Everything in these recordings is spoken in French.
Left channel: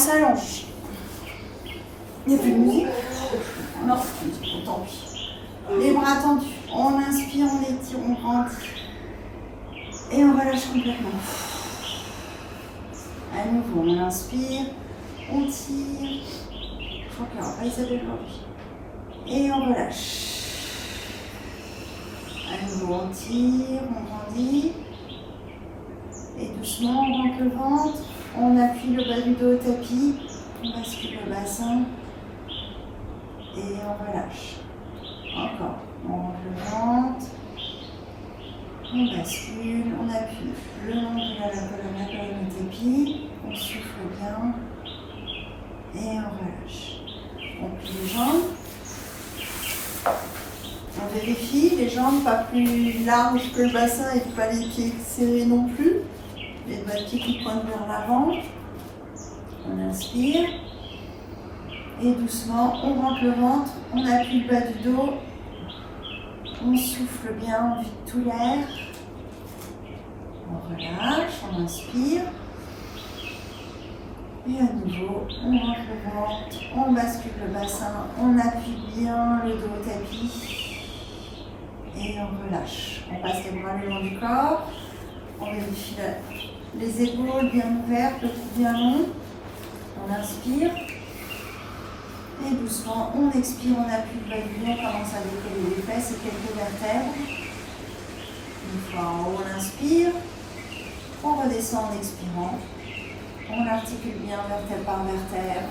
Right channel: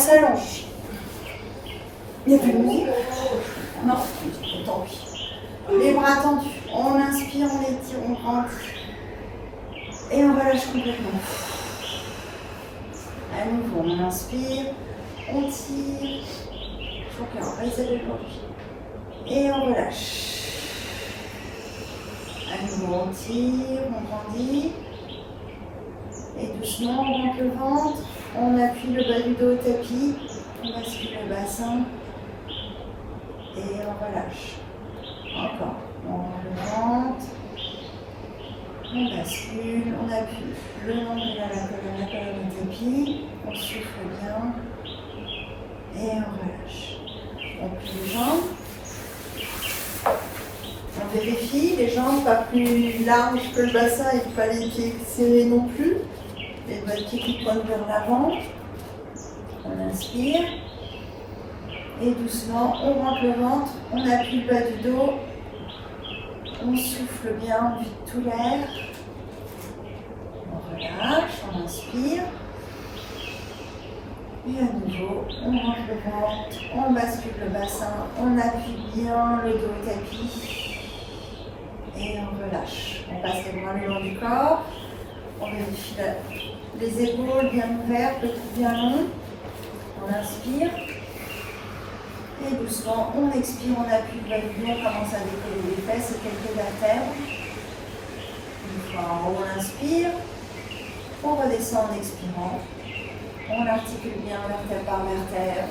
s'allonge. Il n'y a plus de musique? Non, tant pis. Les bras tendus. On inspire, on étire, on grandit. Et on relâche complètement. À nouveau, on inspire, on tire. Il faut qu'on reste aujourd'hui. Et on relâche. À nouveau, on tire, on grandit. Et doucement, on rentre le ventre. On appuie le bas du dos au tapis. On bascule le bassin. Et on relâche. Encore. On rentre le ventre. On bascule, on appuie le long de la colonne au tapis, on souffle bien et on relâche. On plie les jambes, on vérifie les jambes pas plus larges que le bassin et pas les pieds serrés non plus. Les doigts de pied qui pointent vers l'avant. On inspire et doucement on rentre le ventre, on appuie le bas du dos. On souffle bien, on vide tout l'air. On relâche, on inspire. Et à nouveau, on rentre le ventre, on bascule le bassin, on appuie bien le dos au tapis. Et on relâche. On passe les bras le long du corps. On vérifie les épaules bien ouvertes, le cou bien long. On inspire. Et doucement, on expire, on appuie le bas du dos, on commence à décoller les fesses et quelques vertèbres. Une fois en haut, on inspire. On redescend en expirant. On articule bien vertèbre par vertèbre.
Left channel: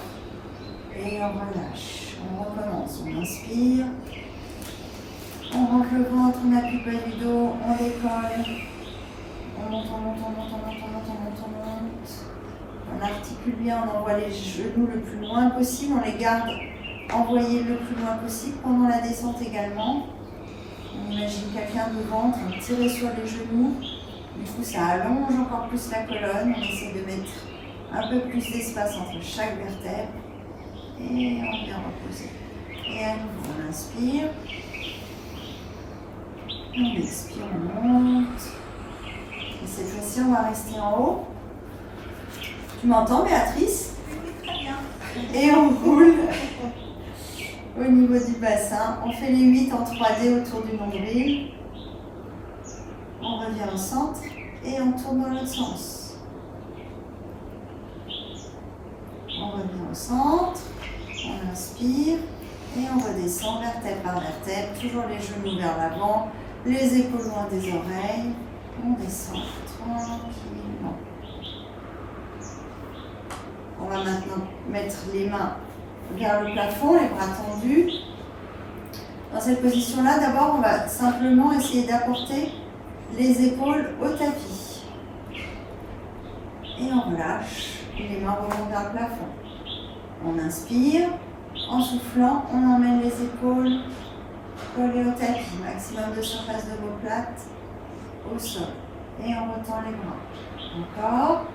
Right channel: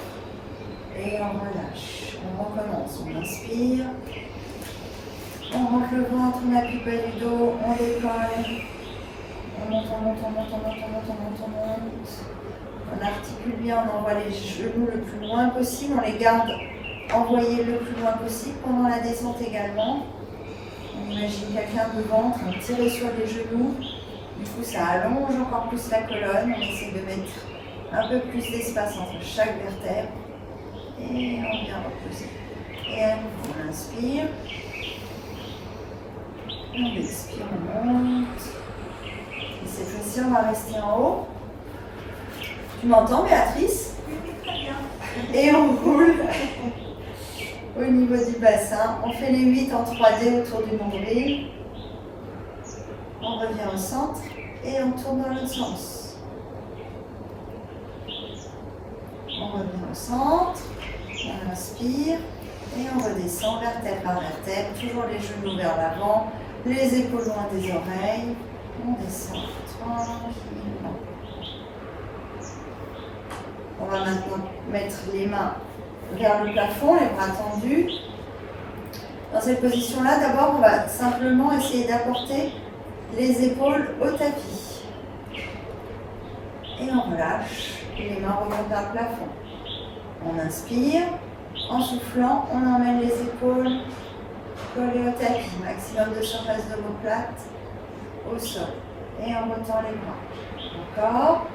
Et on relâche. On recommence. On inspire. On rentre le ventre, on appuie le bas du dos, on décolle. On monte, on monte, on monte, on monte, on monte, on monte, on monte. On articule bien, on envoie les genoux le plus loin possible, on les garde envoyés le plus loin possible pendant la descente également. On imagine quelqu'un devant, on tire sur les genoux, du coup ça allonge encore plus la colonne, on essaie de mettre un peu plus d'espace entre chaque vertèbre et on vient reposer. Et à nouveau on inspire, on expire, on monte. Et cette fois-ci on va rester en haut. Tu m'entends, Béatrice? Très bien. Et on roule au niveau du bassin. On fait les 8 en 3D autour du nombril. On revient au centre et on tourne dans l'autre sens. On revient au centre, on inspire et on redescend vertèbre par vertèbre. Toujours les genoux vers l'avant, les épaules loin des oreilles. On descend tranquillement. On va maintenant mettre les mains vers le plafond, les bras tendus. Dans cette position-là, d'abord, on va simplement essayer d'apporter les épaules au tapis. Et on relâche, les mains remontent vers le plafond. On inspire, en soufflant, on emmène les épaules collées au tapis. Maximum de surface d'omoplate au sol. Et on retend les bras. Encore.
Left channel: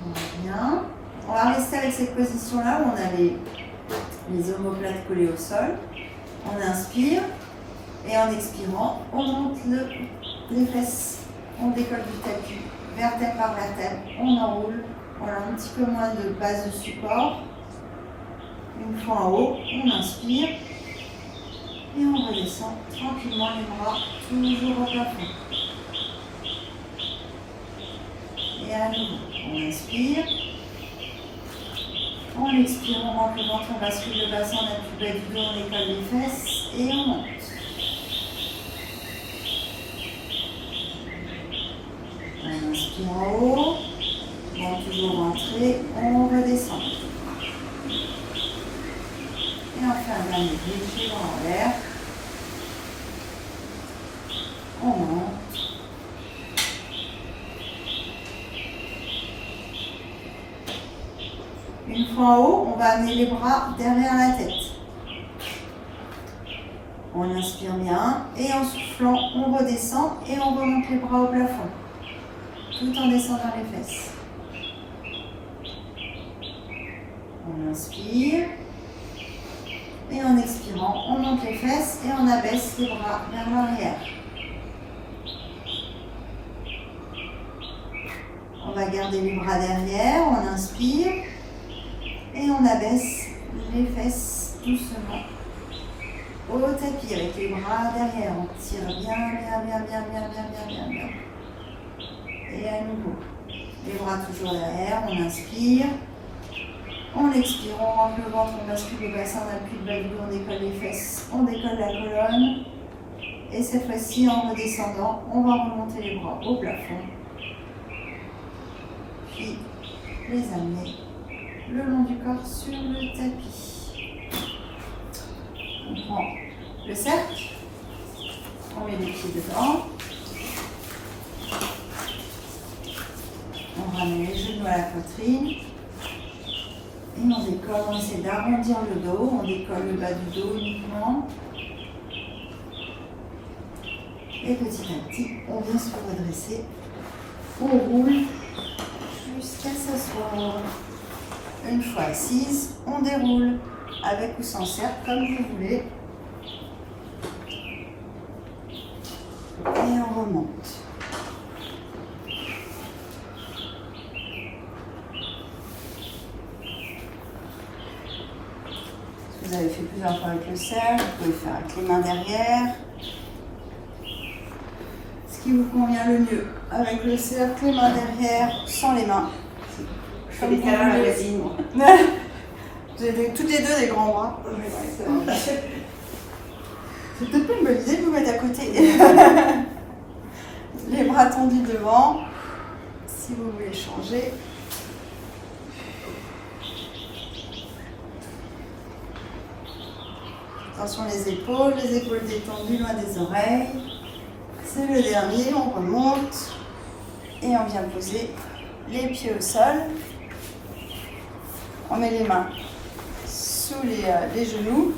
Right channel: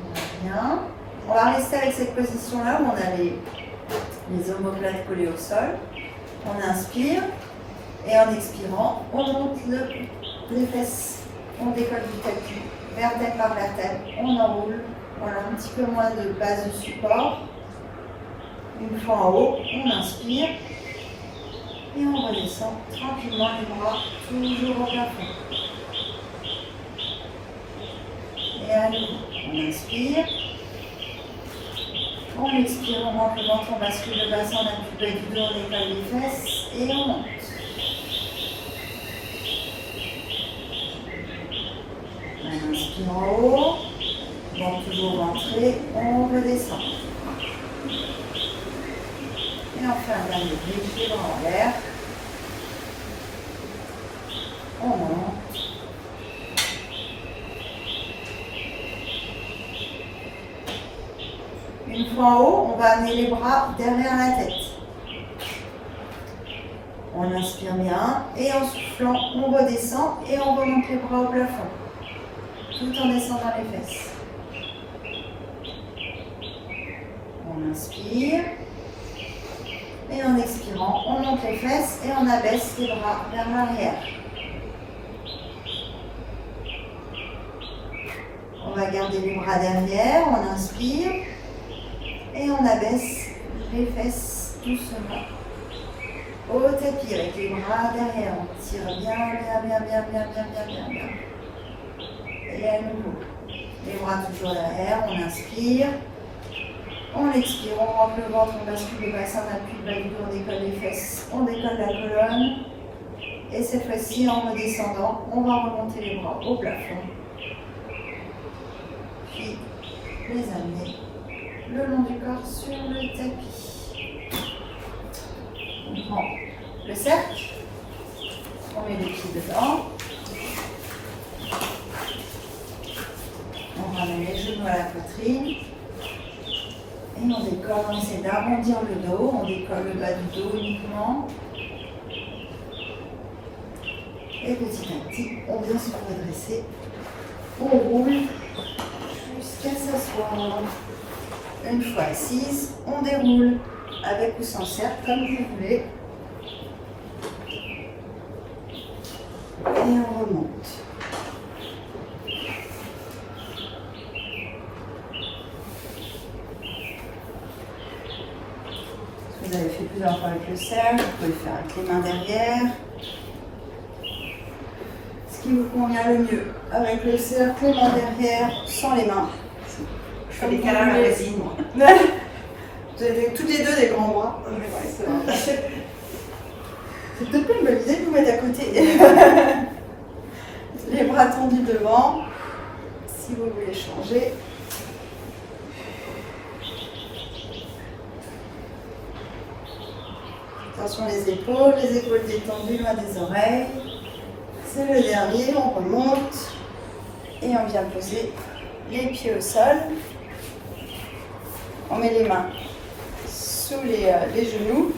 On revient. On va rester avec cette position-là où on a les omoplates collées au sol. On inspire et en expirant, on monte les fesses. On décolle du tapis, vertèbre par vertèbre. On enroule. On a un petit peu moins de base de support. Une fois en haut, on inspire et on redescend tranquillement les bras toujours au plafond. Et à nouveau, on inspire. On expire, on rentre le ventre, on bascule le bassin, on appuie le bas du dos, on décolle les fesses et on monte. On inspire en haut, on toujours rentrer, on redescend. Et on fait un dernier bridge, les bras en l'air. On monte. Une fois en haut, on va amener les bras derrière la tête. On inspire bien et en soufflant, on redescend et on remonte les bras au plafond. Tout en descendant les fesses. On inspire. Et en expirant, on monte les fesses et on abaisse les bras vers l'arrière. On va garder les bras derrière, on inspire. Et on abaisse les fesses doucement au tapis avec les bras derrière. On tire bien. Et à nouveau, les bras toujours derrière, on inspire. On expire, on rentre le ventre, on bascule le bassin, on appuie le bas du dos, on décolle les fesses, on décolle la colonne. Et cette fois-ci, en redescendant, on va remonter les bras au plafond. Puis les amener le long du corps sur le tapis. On prend le cercle, on met les pieds dedans. On ramène les genoux à la poitrine. Et on décolle, on essaie d'arrondir le dos, on décolle le bas du dos uniquement. Et petit à petit, on vient se redresser. On roule jusqu'à s'asseoir. Une fois assise, on déroule avec ou sans cercle, comme vous voulez. Et on remonte. Vous avez fait plusieurs fois avec le cercle, vous pouvez le faire avec les mains derrière. Ce qui vous convient le mieux, avec le cercle, les mains derrière, sans les mains. Je fais des câlins à la voisine, moi. Vous avez toutes les deux des grands bras. C'est peut-être pas une bonne idée de vous mettre à côté. Les bras tendus devant, si vous voulez changer. Attention les épaules détendues loin des oreilles. C'est le dernier, on remonte et on vient poser les pieds au sol. On met les mains sous les genoux.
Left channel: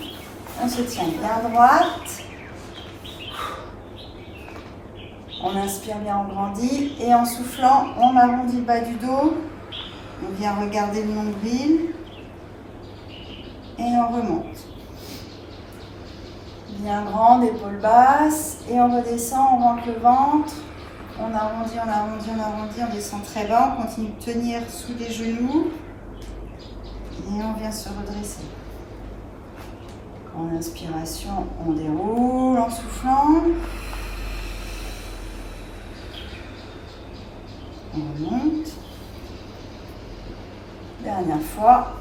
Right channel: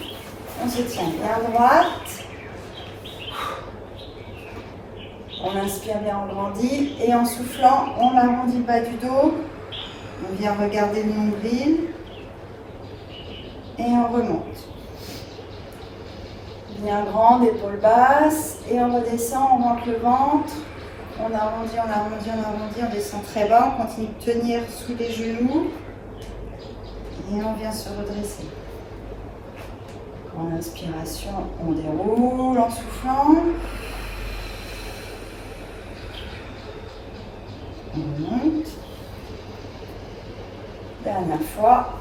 On se tient bien droite. On inspire bien, on grandit. Et en soufflant, on arrondit le bas du dos. On vient regarder le nombril. Et on remonte. Bien grande, épaules basses. Et on redescend, on rentre le ventre. On arrondit, on descend très bas. On continue de tenir sous les genoux. Et on vient se redresser. En inspiration, on déroule en soufflant. On remonte. Dernière fois.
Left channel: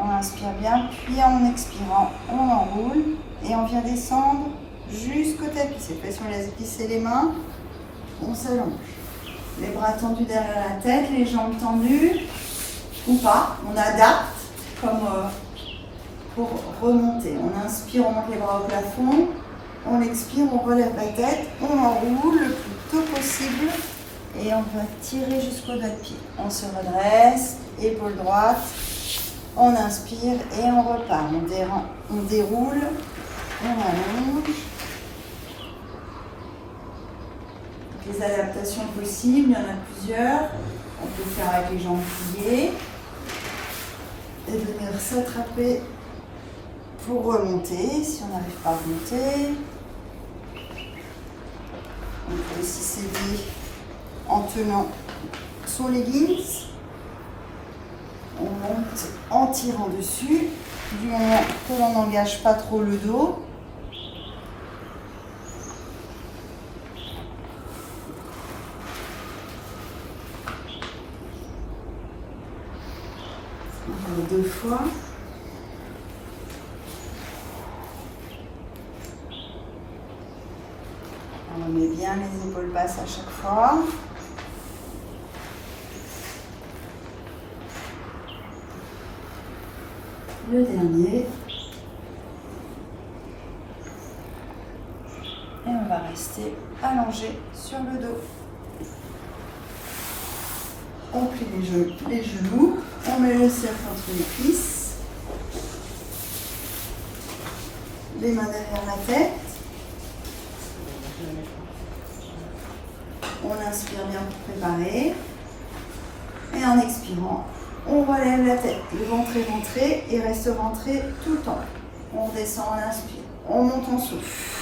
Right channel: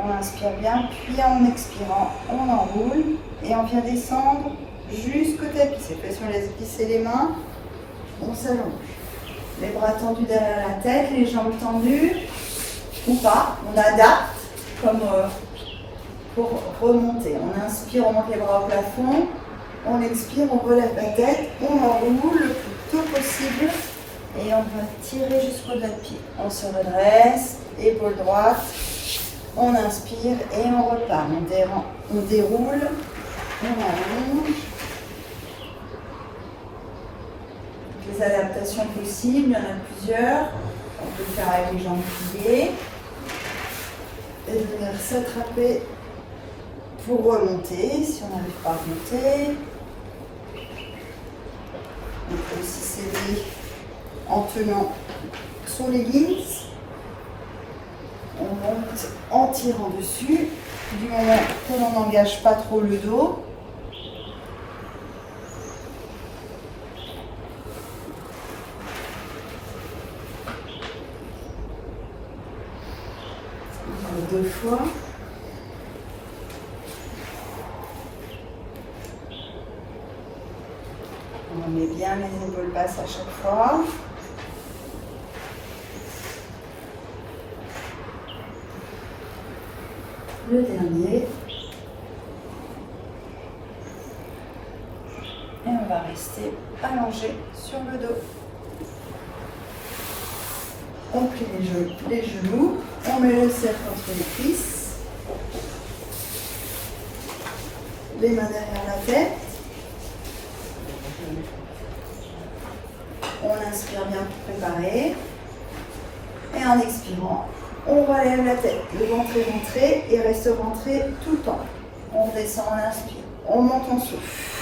On inspire bien, puis en expirant, on enroule. Et on vient descendre jusqu'au tapis. Cette fois-ci, on laisse glisser les mains. On s'allonge. Les bras tendus derrière la tête, les jambes tendues. Ou pas. On adapte comme pour remonter. On inspire, on monte les bras au plafond. On expire, on relève la tête. On enroule le plus tôt possible. Et on va tirer jusqu'au bas de pied. On se redresse, épaule droite. On inspire et on repart. On déroule. On allonge. Les adaptations possibles, il y en a plusieurs. On peut le faire avec les jambes pliées. Et venir s'attraper pour remonter, si on n'arrive pas à remonter. On peut aussi s'aider en tenant son leggings. On monte en tirant dessus, du moment qu'on n'engage pas trop le dos. On fait 2 fois. On met bien les épaules basses à chaque fois. Le dernier. Et on va rester allongé sur le dos. On plie les genoux. On met le cercle entre les cuisses. Les mains derrière la tête. On inspire bien pour préparer. Et en expirant, on relève la tête. Le ventre est rentré et reste rentré tout le temps. On redescend, on inspire. On monte, on souffle.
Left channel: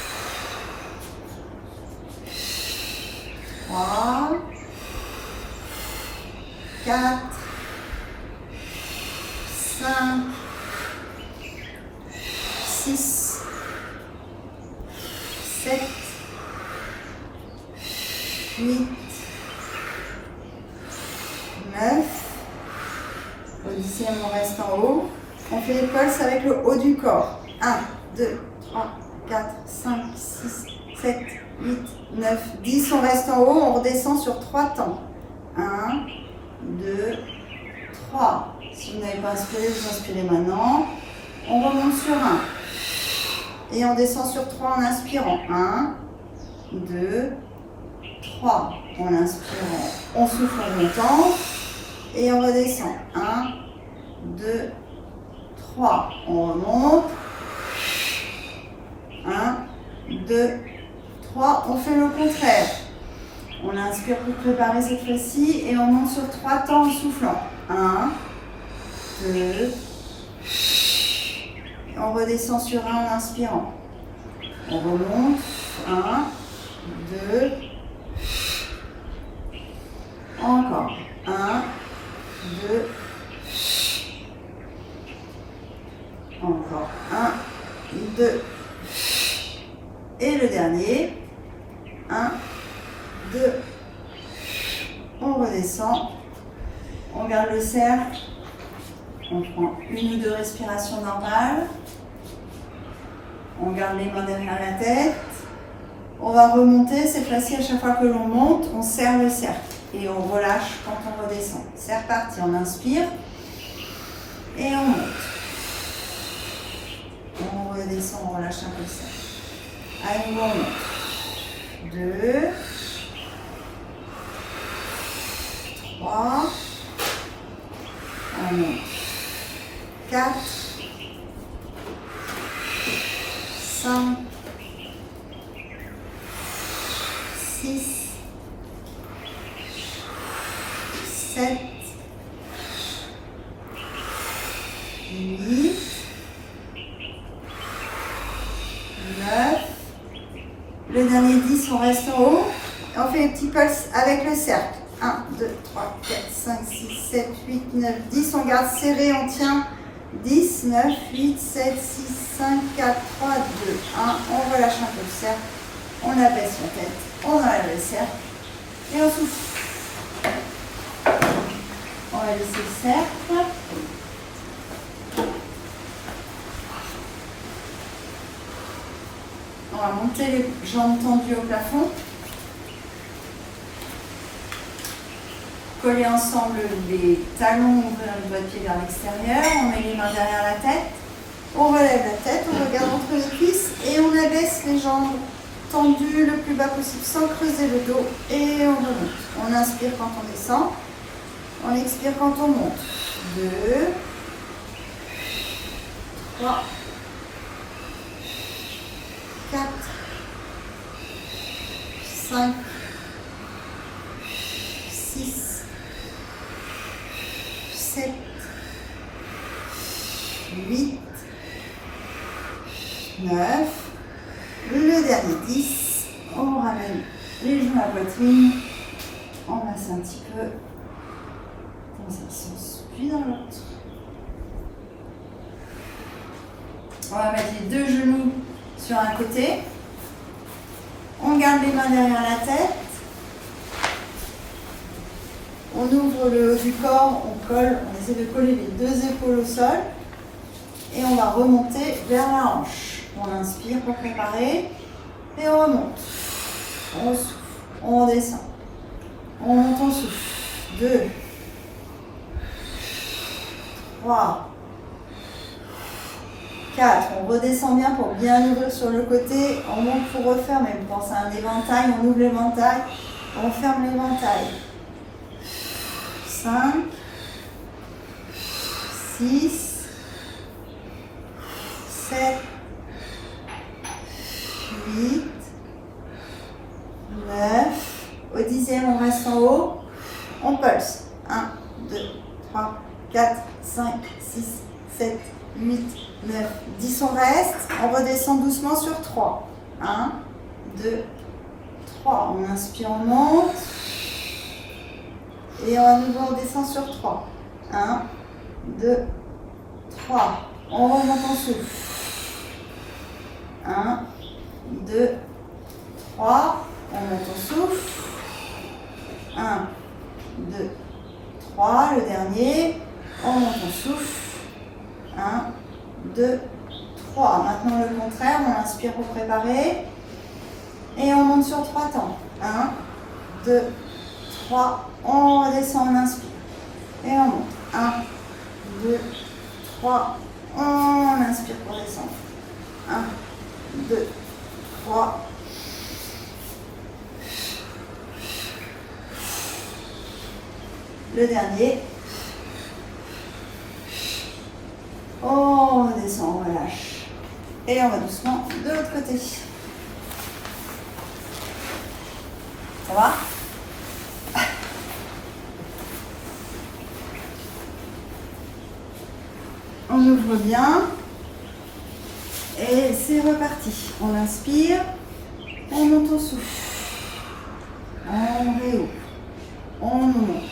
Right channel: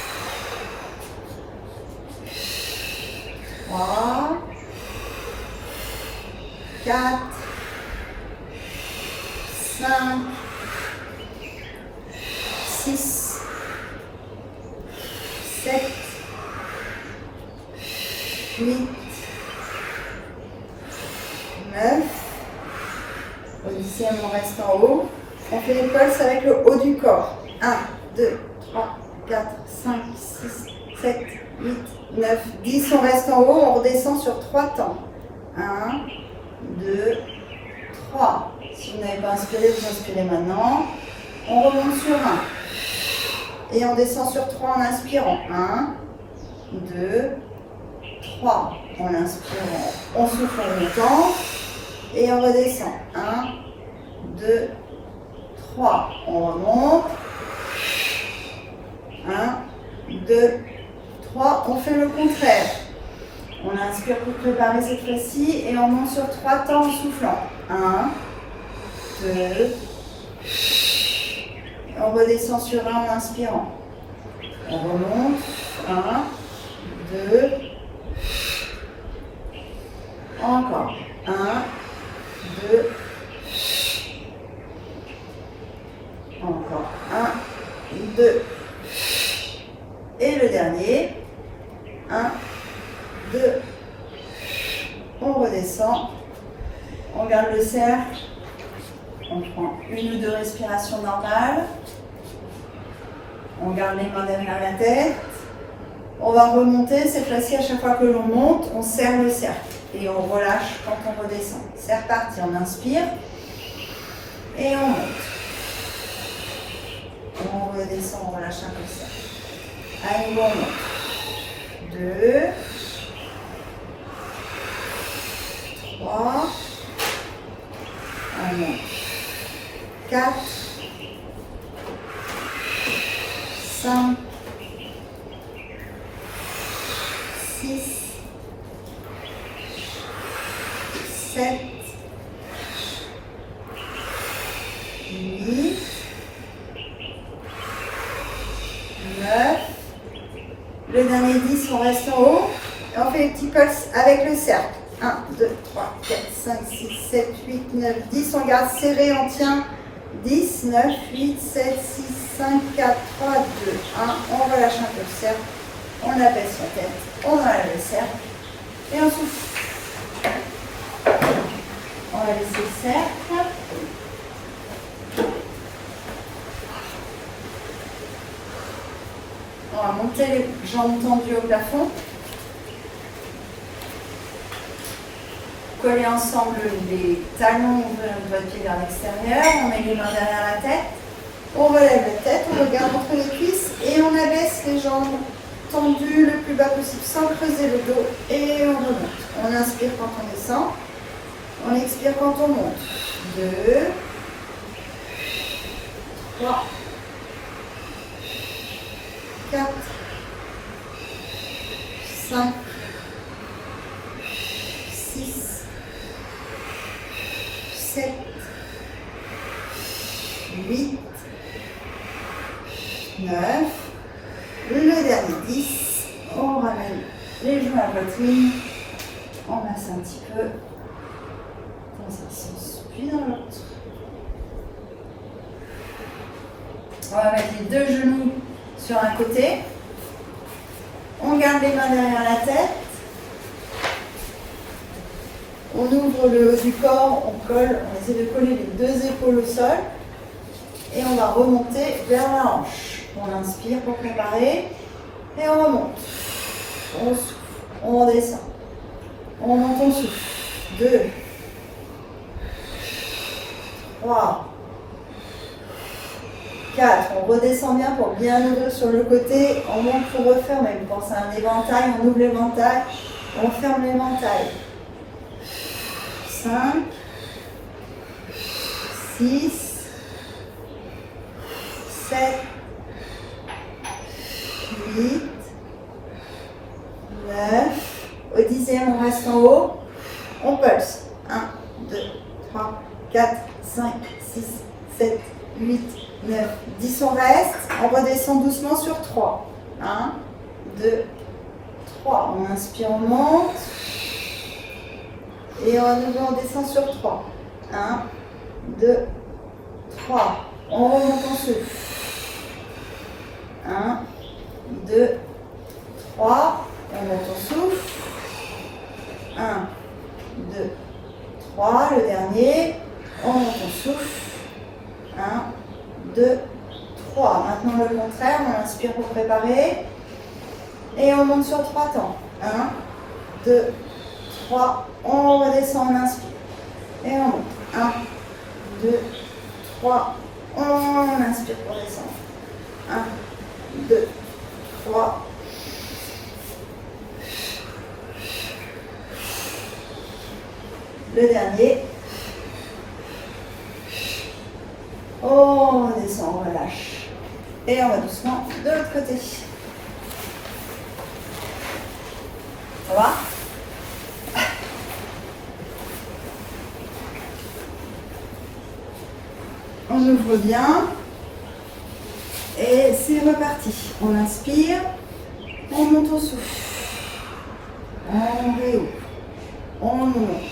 3, 4, 5, 6, 7, 8, 9. Au 10e, on reste en haut. On fait les pulses avec le haut du corps. 1, 2, 3, 4, 5, 6, 7, 8, 9, 10. On reste en haut, on redescend sur 3 temps. 1, 2, 3. Si vous n'avez pas inspiré, vous inspirez maintenant. On remonte sur 1. Et on descend sur 3 en inspirant. 1, 2, 3. En inspirant, on souffle en montant. Et on redescend. 1, 2, 3. On remonte. 1, 2, 3. On fait le contraire. On inspire pour préparer cette fois-ci. Et on monte sur 3 temps en soufflant. 1, 2. Et on redescend sur 1 en inspirant. On remonte. 1, 2. Encore. 1, 2. Encore. 1, 2. Et le dernier. 1, 2. On redescend. On garde le cercle. On prend 1 ou 2 respirations normales. On garde les mains derrière la tête. On va remonter. Cette fois-ci, à chaque fois que l'on monte, on serre le cercle. Et on relâche quand on redescend. C'est reparti. On inspire. Et on monte. On redescend, on relâche un peu le cercle. À nouveau, on monte. 2. 3. On monte. 4. 5. 6. 7. 8. 9. Le dernier 10, on reste en haut. Et on fait les petits pulses avec le cercle. 1, 2, 3, 4, 5, 6, 7, 8, 9, 10. On garde serré, on tient. 10, 9, 8, 7, 6, 5, 4, 3, 2, 1. On relâche un peu le cercle. On abaisse la tête. On enlève le cercle. Et on souffle. On va laisser le cercle. On va monter les jambes tendues au plafond. Coller ensemble les talons, ouvrir le doigt de pied vers l'extérieur. On met les mains derrière la tête. On relève la tête, on regarde entre les cuisses et on abaisse les jambes tendues le plus bas possible sans creuser le dos. Et on remonte. On inspire quand on descend. On expire quand on monte. 2, 3, 4, 5, 6, 7, 8, 9. Le dernier 10. On ramène les genoux à la poitrine. On masse un petit peu dans un sens puis dans l'autre. On va mettre les 2 genoux sur un côté. On garde les mains derrière la tête. On ouvre le haut du corps, on colle, on essaie de coller les 2 épaules au sol. Et on va remonter vers la hanche. On inspire pour préparer. Et on remonte. On souffle. On redescend. On monte, on souffle. 2, 3, 4. On redescend bien pour bien ouvrir sur le côté. On monte pour refermer. Vous pensez à un éventail, on ouvre l'éventail. On ferme l'éventail. 5, 6, 7, 8, 9. Au 10e, on reste en haut. On pulse. 1, 2, 3, 4, 5, 6, 7, 8, 9, 10. On reste. On redescend doucement sur 3. 1, 2, 3. On inspire, on monte. Et à nouveau, on descend sur 3. 1, 2, 3. On remonte en souffle. 1, 2, 3. On monte en souffle. 1, 2, 3. Le dernier. On monte en souffle. 1, 2, 3. Maintenant le contraire. On inspire pour préparer. Et on monte sur 3 temps. 1, 2, 3. On redescend, on inspire. Et on monte. 1, 2, 3. On inspire pour descendre. 1, 2, 3. Le dernier. On descend, on relâche. Et on va doucement de l'autre côté. Ça va? On ouvre bien. Et c'est reparti. On inspire. On monte au souffle. On réouvre. On monte.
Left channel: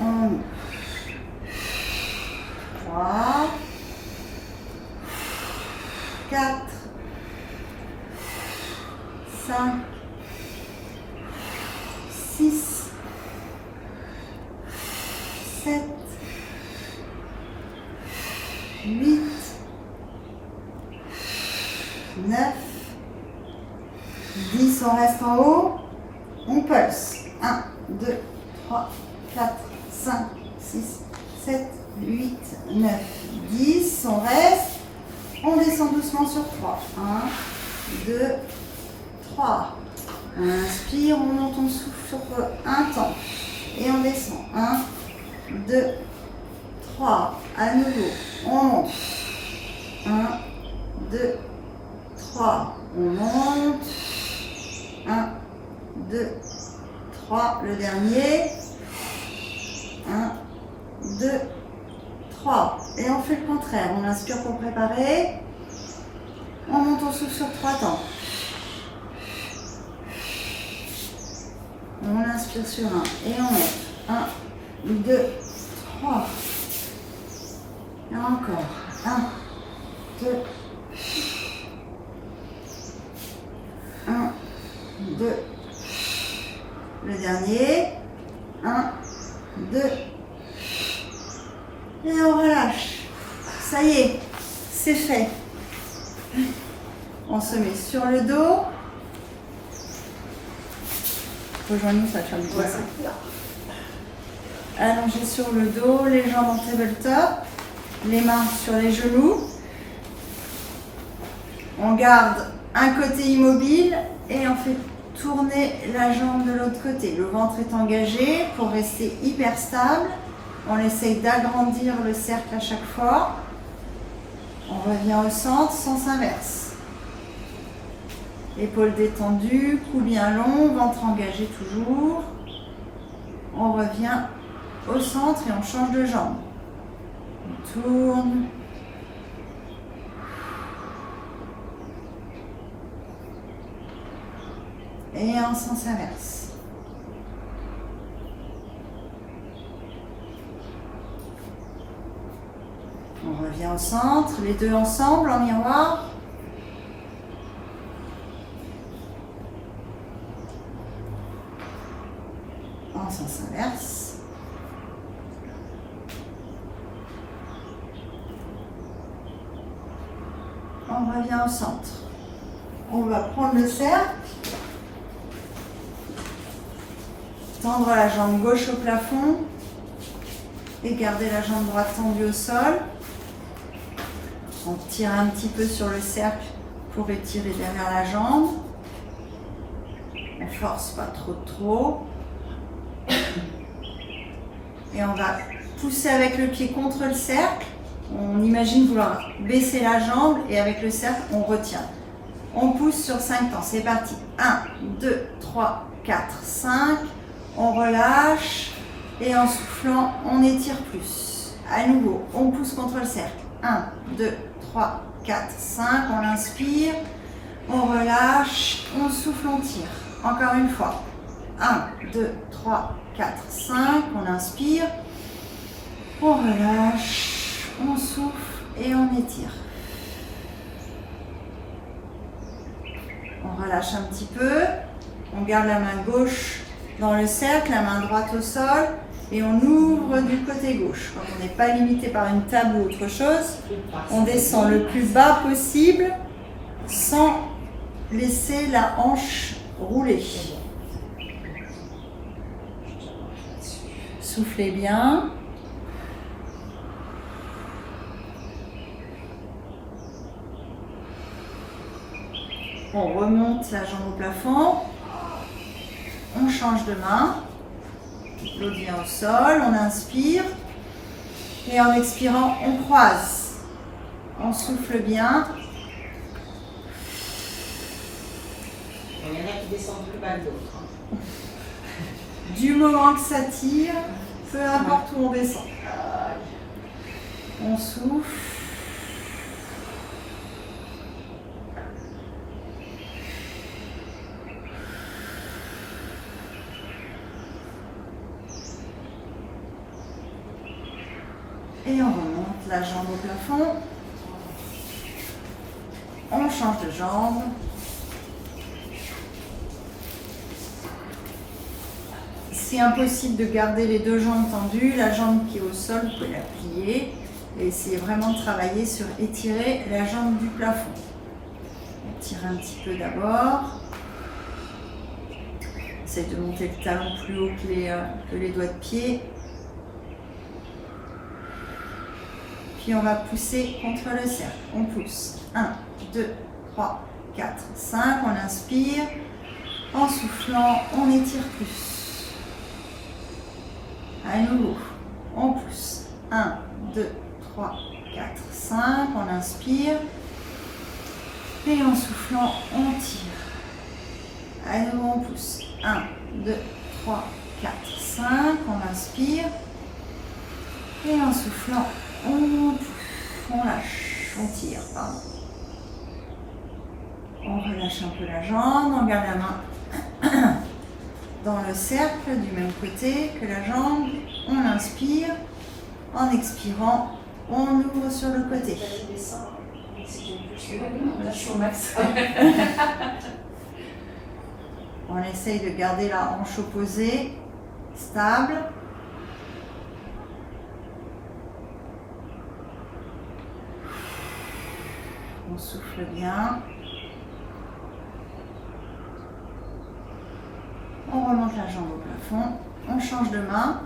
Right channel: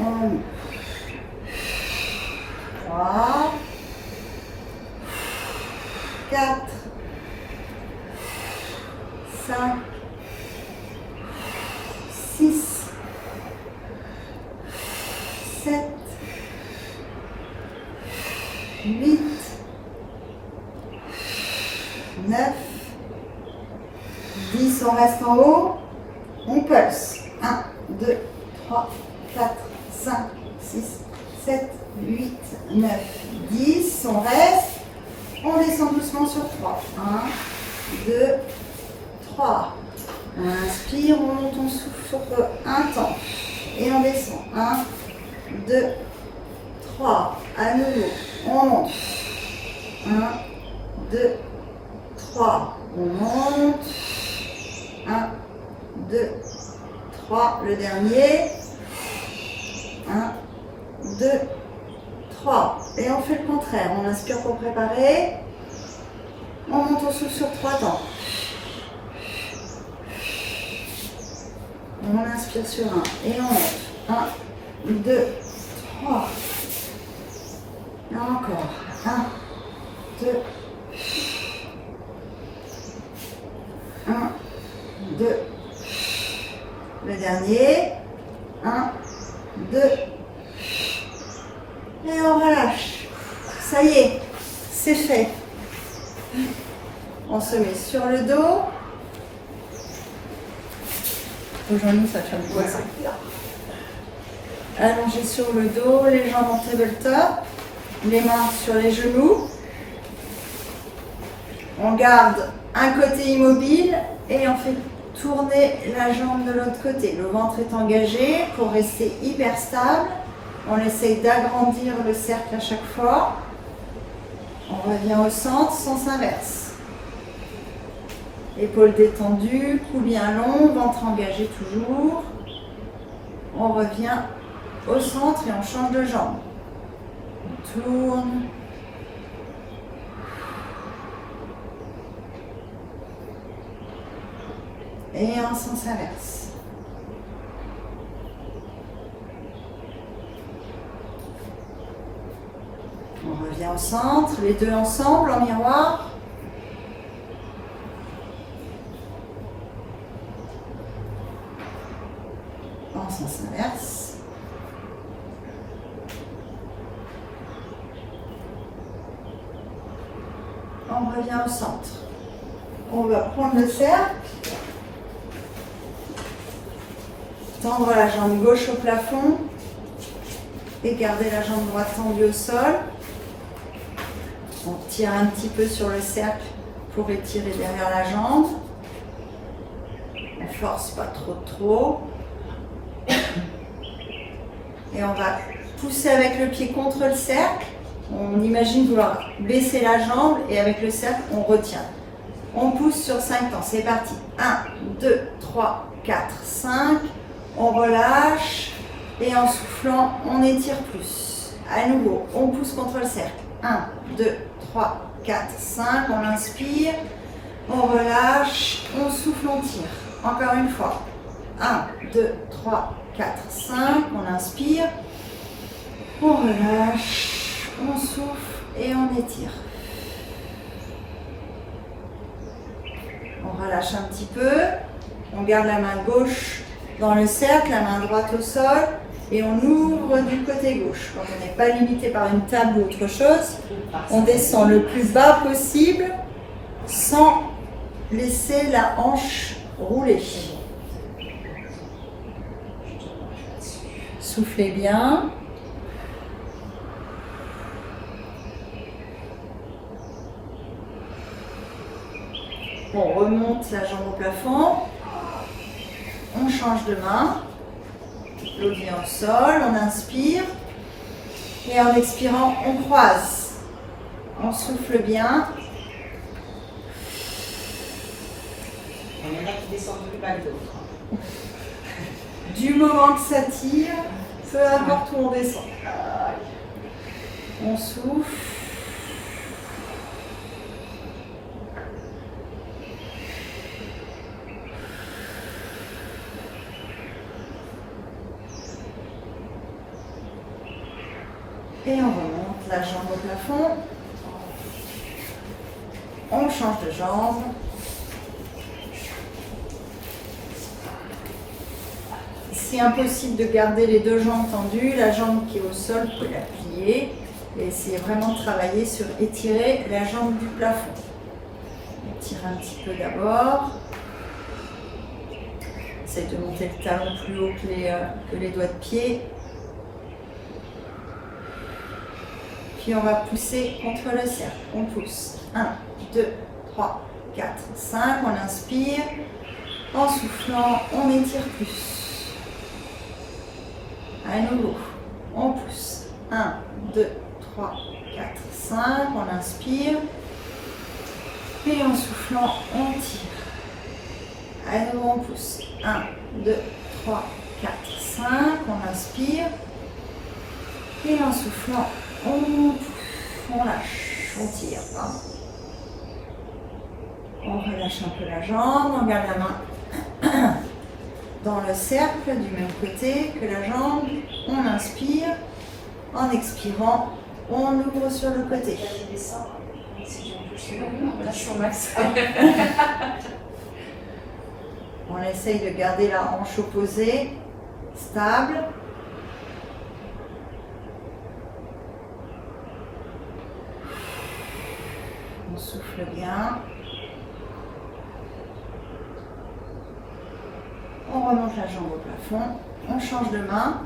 On monte. 3, 4, 5, 6, 7, 8, 9, 10. On reste en haut. On pulse. 1, 2, 3, 4, 5, 6, 7, 8, 9, 10. On reste. On descend doucement sur 3. 1, 2, 3. On inspire, on monte, on souffle sur un temps. Et on descend. 1, 2, 3. À nouveau. On monte. 1, 2, 3. On monte. 1, 2, 3. Le dernier. 1, 2, 3. Et on fait le contraire. On inspire pour préparer. On monte au souffle sur 3 temps. On inspire sur 1. Et on monte. 1, 2, 3. Et encore. 1, 2, 1, 2. Le dernier. 1, 2. Et on relâche. Ça y est, c'est fait. On se met sur le dos. Rejoins-nous, ça tient bien. Allongé sur le dos, les jambes en tabletop, les mains sur les genoux. On garde un côté immobile et on fait tourner la jambe de l'autre côté. Le ventre est engagé pour rester hyper stable. On essaye d'agrandir le cercle à chaque fois. On revient au centre, sens inverse. Épaules détendues, cou bien long, ventre engagé toujours. On revient au centre et on change de jambe. On tourne. Et en sens inverse. On revient au centre, les deux ensemble en miroir. En sens inverse. On revient au centre. On va prendre le cercle. Tendre la jambe gauche au plafond. Et garder la jambe droite tendue au sol. On tire un petit peu sur le cercle pour étirer derrière la jambe. On force pas trop. Et on va pousser avec le pied contre le cercle. On imagine vouloir baisser la jambe et avec le cercle, on retient. On pousse sur 5 temps. C'est parti. 1, 2, 3, 4, 5. On relâche. Et en soufflant, on étire plus. À nouveau, on pousse contre le cercle. 1, 2, 3, 4, 5. On inspire. On relâche. On souffle, on tire. Encore une fois. 1, 2, 3, 4, 5. On inspire. On relâche. On souffle et on étire. On relâche un petit peu. On garde la main gauche dans le cercle, la main droite au sol. Et on ouvre du côté gauche. Quand on n'est pas limité par une table ou autre chose, on descend le plus bas possible sans laisser la hanche rouler. Soufflez bien. On remonte la jambe au plafond. On change de main. L'autre vient au sol, on inspire. Et en expirant, on croise. On souffle bien. Il y en a qui descendent plus bas que d'autres. Du moment que ça tire, peu importe où on descend. On souffle. Et on remonte la jambe au plafond. On change de jambe. Si impossible de garder les deux jambes tendues, la jambe qui est au sol, vous pouvez la plier et essayez vraiment de travailler sur étirer la jambe du plafond. On tire un petit peu d'abord. Essayez de monter le talon plus haut que les doigts de pied. Puis on va pousser contre le cercle. On pousse. 1, 2, 3, 4, 5. On inspire. En soufflant, on étire plus. À nouveau, on pousse. 1, 2, 3, 4, 5. On inspire. Et en soufflant, on tire. À nouveau, on pousse. 1, 2, 3, 4, 5. On inspire. Et en soufflant, on lâche. On tire. Pardon. On relâche un peu la jambe. On garde la main dans le cercle du même côté que la jambe. On inspire. En expirant, on ouvre sur le côté. On essaye de garder la hanche opposée, stable. On souffle bien. On remonte la jambe au plafond. On change de main.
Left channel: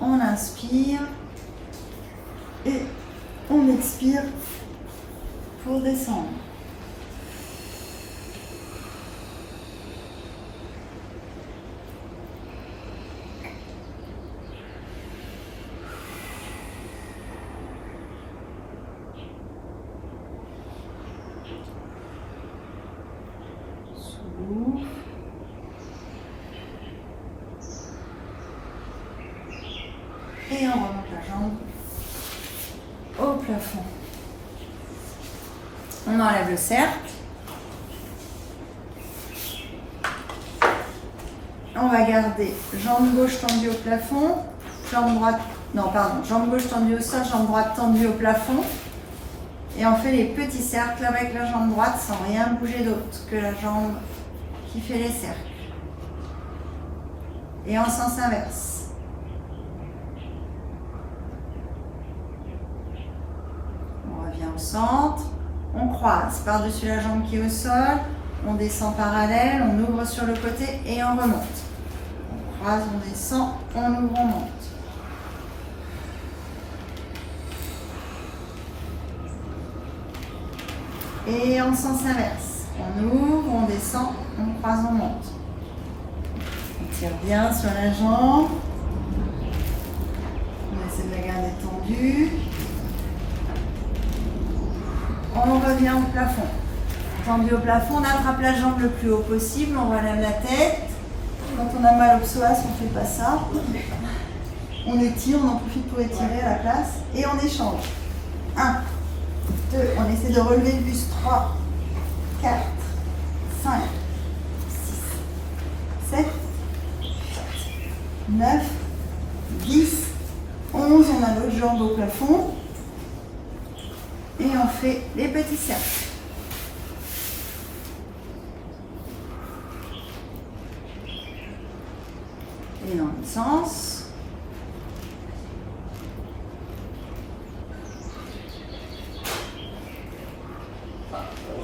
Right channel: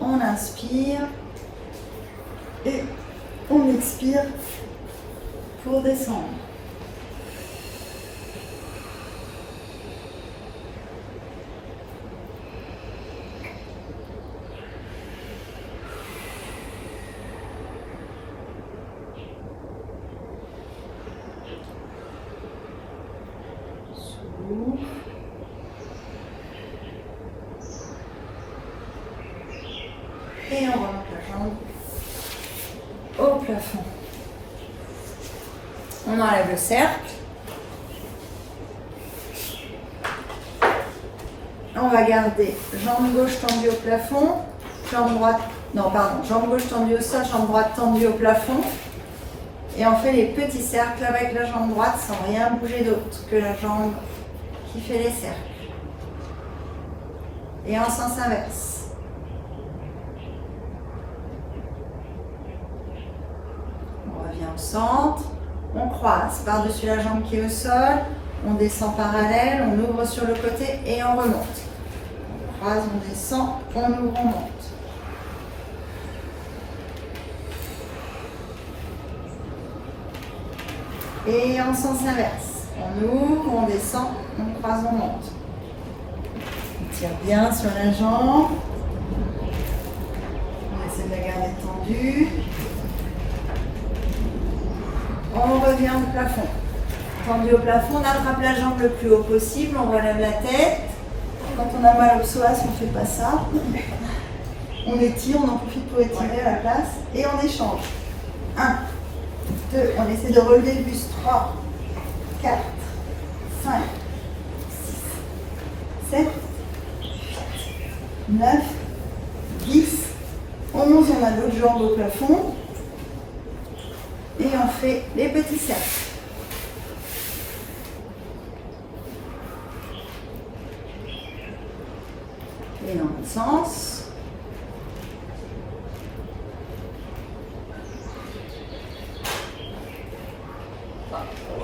On inspire. Et on expire pour descendre. Et on remonte la jambe au plafond. On enlève le cercle. On va garder jambe gauche tendue au plafond, jambe droite, non pardon, jambe gauche tendue au sol, jambe droite tendue au plafond. Et on fait les petits cercles avec la jambe droite sans rien bouger d'autre que la jambe qui fait les cercles. Et en sens inverse. On revient au centre. On croise par-dessus la jambe qui est au sol. On descend parallèle, on ouvre sur le côté et on remonte. On croise, on descend, on ouvre, on monte. Et en sens inverse. On ouvre, on descend, on croise, on monte. On tire bien sur la jambe. On essaie de la garder tendue. On revient au plafond. Tendu au plafond, on attrape la jambe le plus haut possible, on relève la tête. Quand on a mal au psoas, on ne fait pas ça. On étire, on en profite pour étirer à la place et on échange. 1, 2, on essaie de relever le buste. 3, 4, 5, 6, 7, 8, 9, 10, 11, chose, on a l'autre jambe au plafond. Et on fait les petits cercles. Et dans l'autre sens.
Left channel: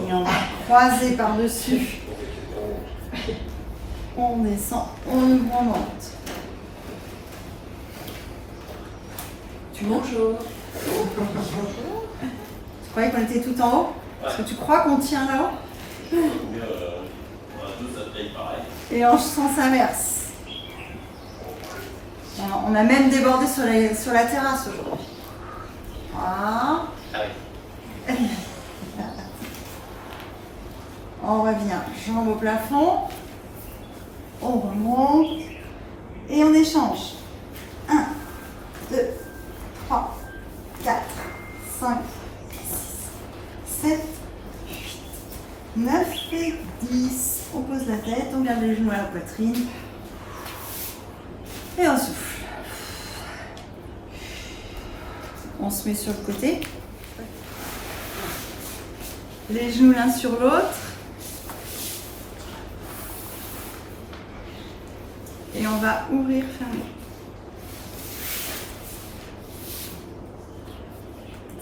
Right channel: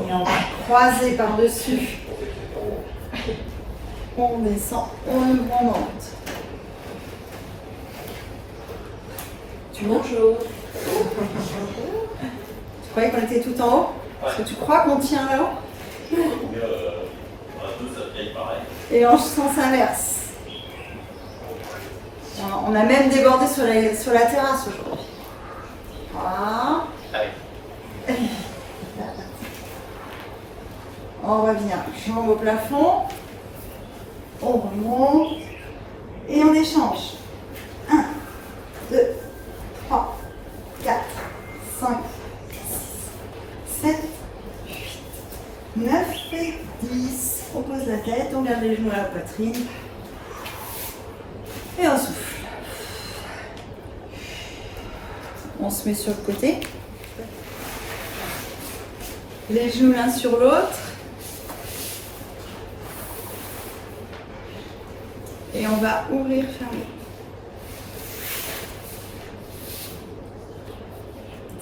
Et on va croiser par-dessus. On descend, on ouvre, on monte. Bonjour. Tu croyais qu'on était tout en haut? Parce que tu crois qu'on tient là-haut? Et en sens inverse. On a même débordé sur la terrasse aujourd'hui. Voilà. On revient, jambes au plafond. On remonte. Et on échange. 1, 2, 3, 4, 5, 6, 7, 8, 9 et 10. On pose la tête, on garde les genoux à la poitrine. Et on souffle. On se met sur le côté. Les genoux l'un sur l'autre. Et on va ouvrir, fermer.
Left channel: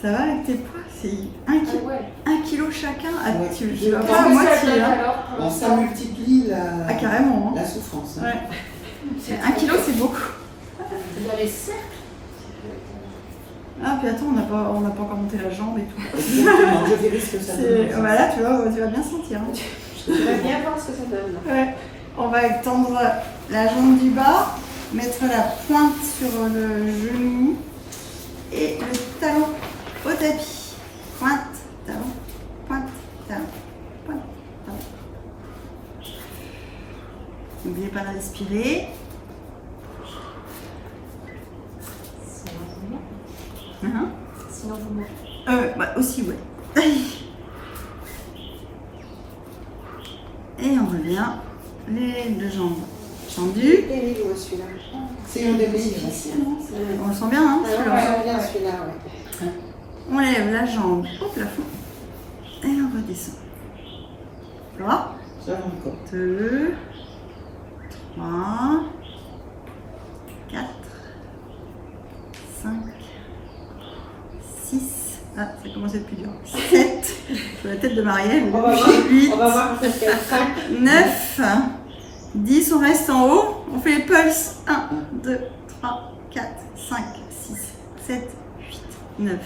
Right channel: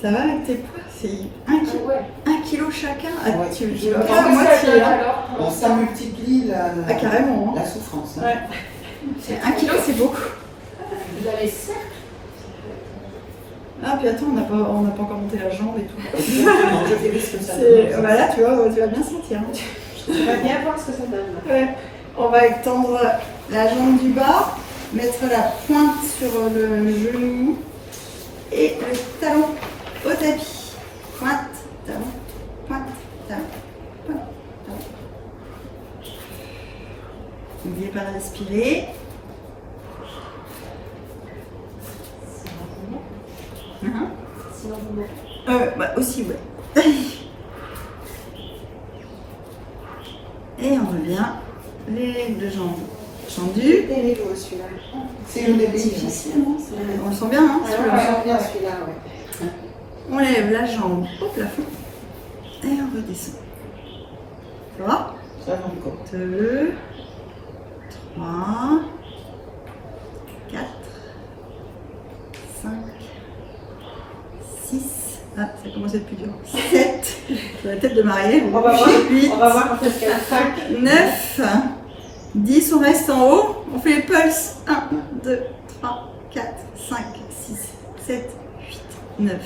Ça va avec tes poids? C'est 1 kilo chacun. Ah, Ouais. tu Je vas vais prendre prendre moitié. Hein. Alors, ça multiplie Ah, carrément. Hein. la souffrance. Hein. Ouais. C'est 1 kilo, c'est beaucoup. Vous avez cercle. Ah, puis attends, on n'a pas encore monté la jambe et tout. Exactement, je verrai ce que ça C'est- donne. Voilà, tu vas bien sentir. Hein. Je vais bien voir ce que ça donne. Ouais. On va étendre la jambe du bas, mettre la pointe sur le genou et le talon au tapis. Pointe, talon, pointe, talon, pointe, talon. N'oubliez pas de respirer. Bah aussi, ouais. Et on revient. Les deux jambes tendues. Des niveaux celui-là. C'est un des plus difficiles. On le sent bien, hein? Ouais, celui-là. ouais, j'aime bien celui-là, ouais. On lève la jambe au plafond et on redescend. Ça va? Ça va encore. 2, 3, 4, 5, 6, ah, ça commence à être plus dur. 7, sur la tête de Marielle. On va voir. 8, On va voir quand est-ce 5. 9, 10, on reste en haut. On fait les pulses. 1, 2, 3, 4, 5, 6, 7, 8, 9,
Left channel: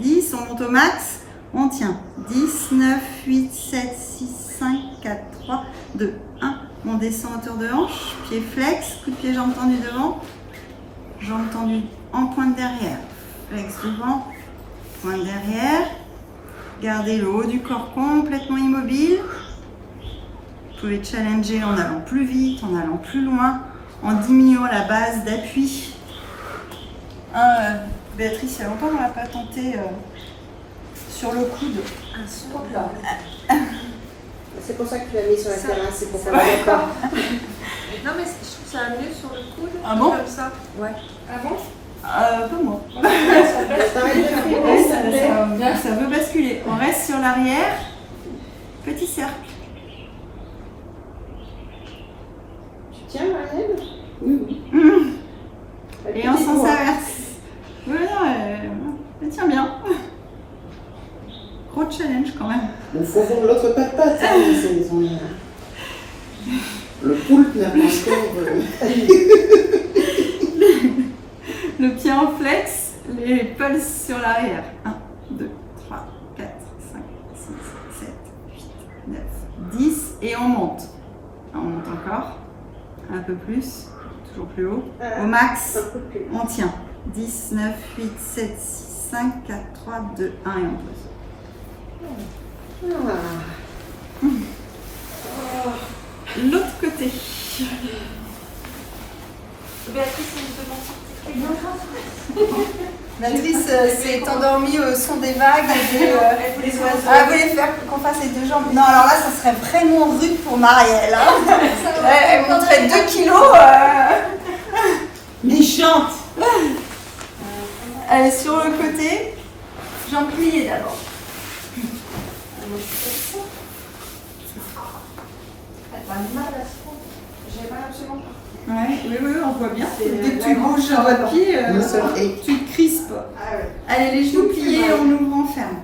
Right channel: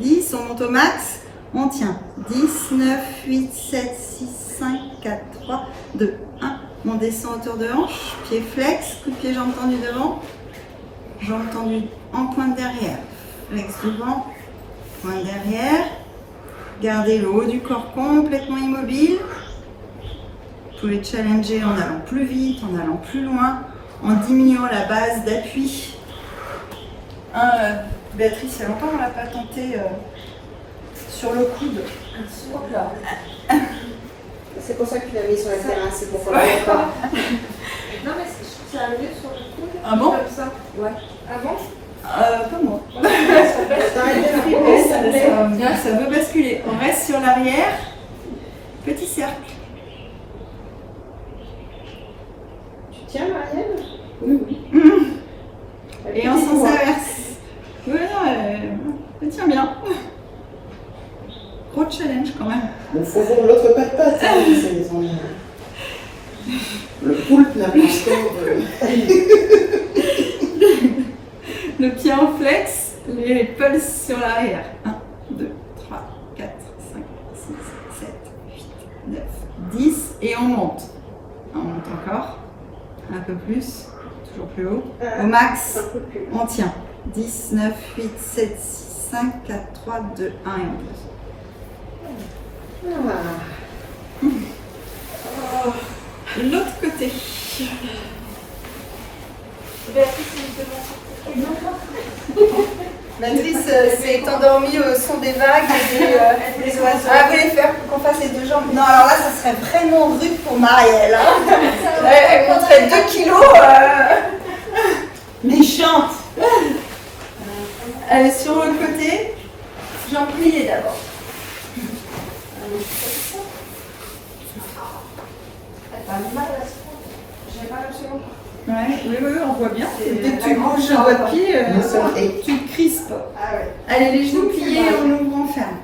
10. On monte au max. On tient. 10, 9, 8, 7, 6, 5, 4, 3, 2, 1. On descend à hauteur de hanche. Pied flex. Coup de pied, jambes tendues devant. Jambes tendues en pointe derrière. Flex devant. Pointe derrière. Gardez le haut du corps complètement immobile. Vous pouvez challenger en allant plus vite, en allant plus loin, en diminuant la base d'appui. Béatrice, il y a longtemps qu'on ne l'a pas tenté sur le coude. C'est pour ça que tu l'as mis sur la terrasse, c'est pour faire Ouais. le corps. Non, mais ça arrive sur le coude. Ah bon? Comme ça. Ouais. Ah bon? Pas moi. T'arrêtes de filmer, Ça veut basculer. On reste sur l'arrière. Petit cercle. Tu tiens, Marielle? Et en sens inverse. Oui, non, elle tient bien. Gros challenge quand même. Il faut voir l'autre patate. Hein, le poulpe n'a pas encore. Le pied en flex, les pulses sur l'arrière. 1, 2, 3, 4, 5, 6, 7, 8, 9, 10. Et on monte. On monte encore. Un peu plus. Toujours plus haut. Au max, on tient. 10, 9, 8, 7, 6, 5, 4, 3, 2, 1 et on pose. L'autre côté. Matrice s'est endormie au son des vagues et des oiseaux. Ah, vous voulez faire qu'on fasse les deux jambes? Non, alors là, ça serait vraiment rude pour Marielle. Hein. Elle compterait 2 kilos. Méchante. Allez, sur le côté, jambes pliées d'abord. T'as mal à ce point. J'ai mal absolument. Ouais, oui, on voit bien. C'est Dès que la tu grande bouges jambe. votre pied, Et tu te crispes. Ah ouais. Allez, les genoux pliés, on ouvre, on ferme.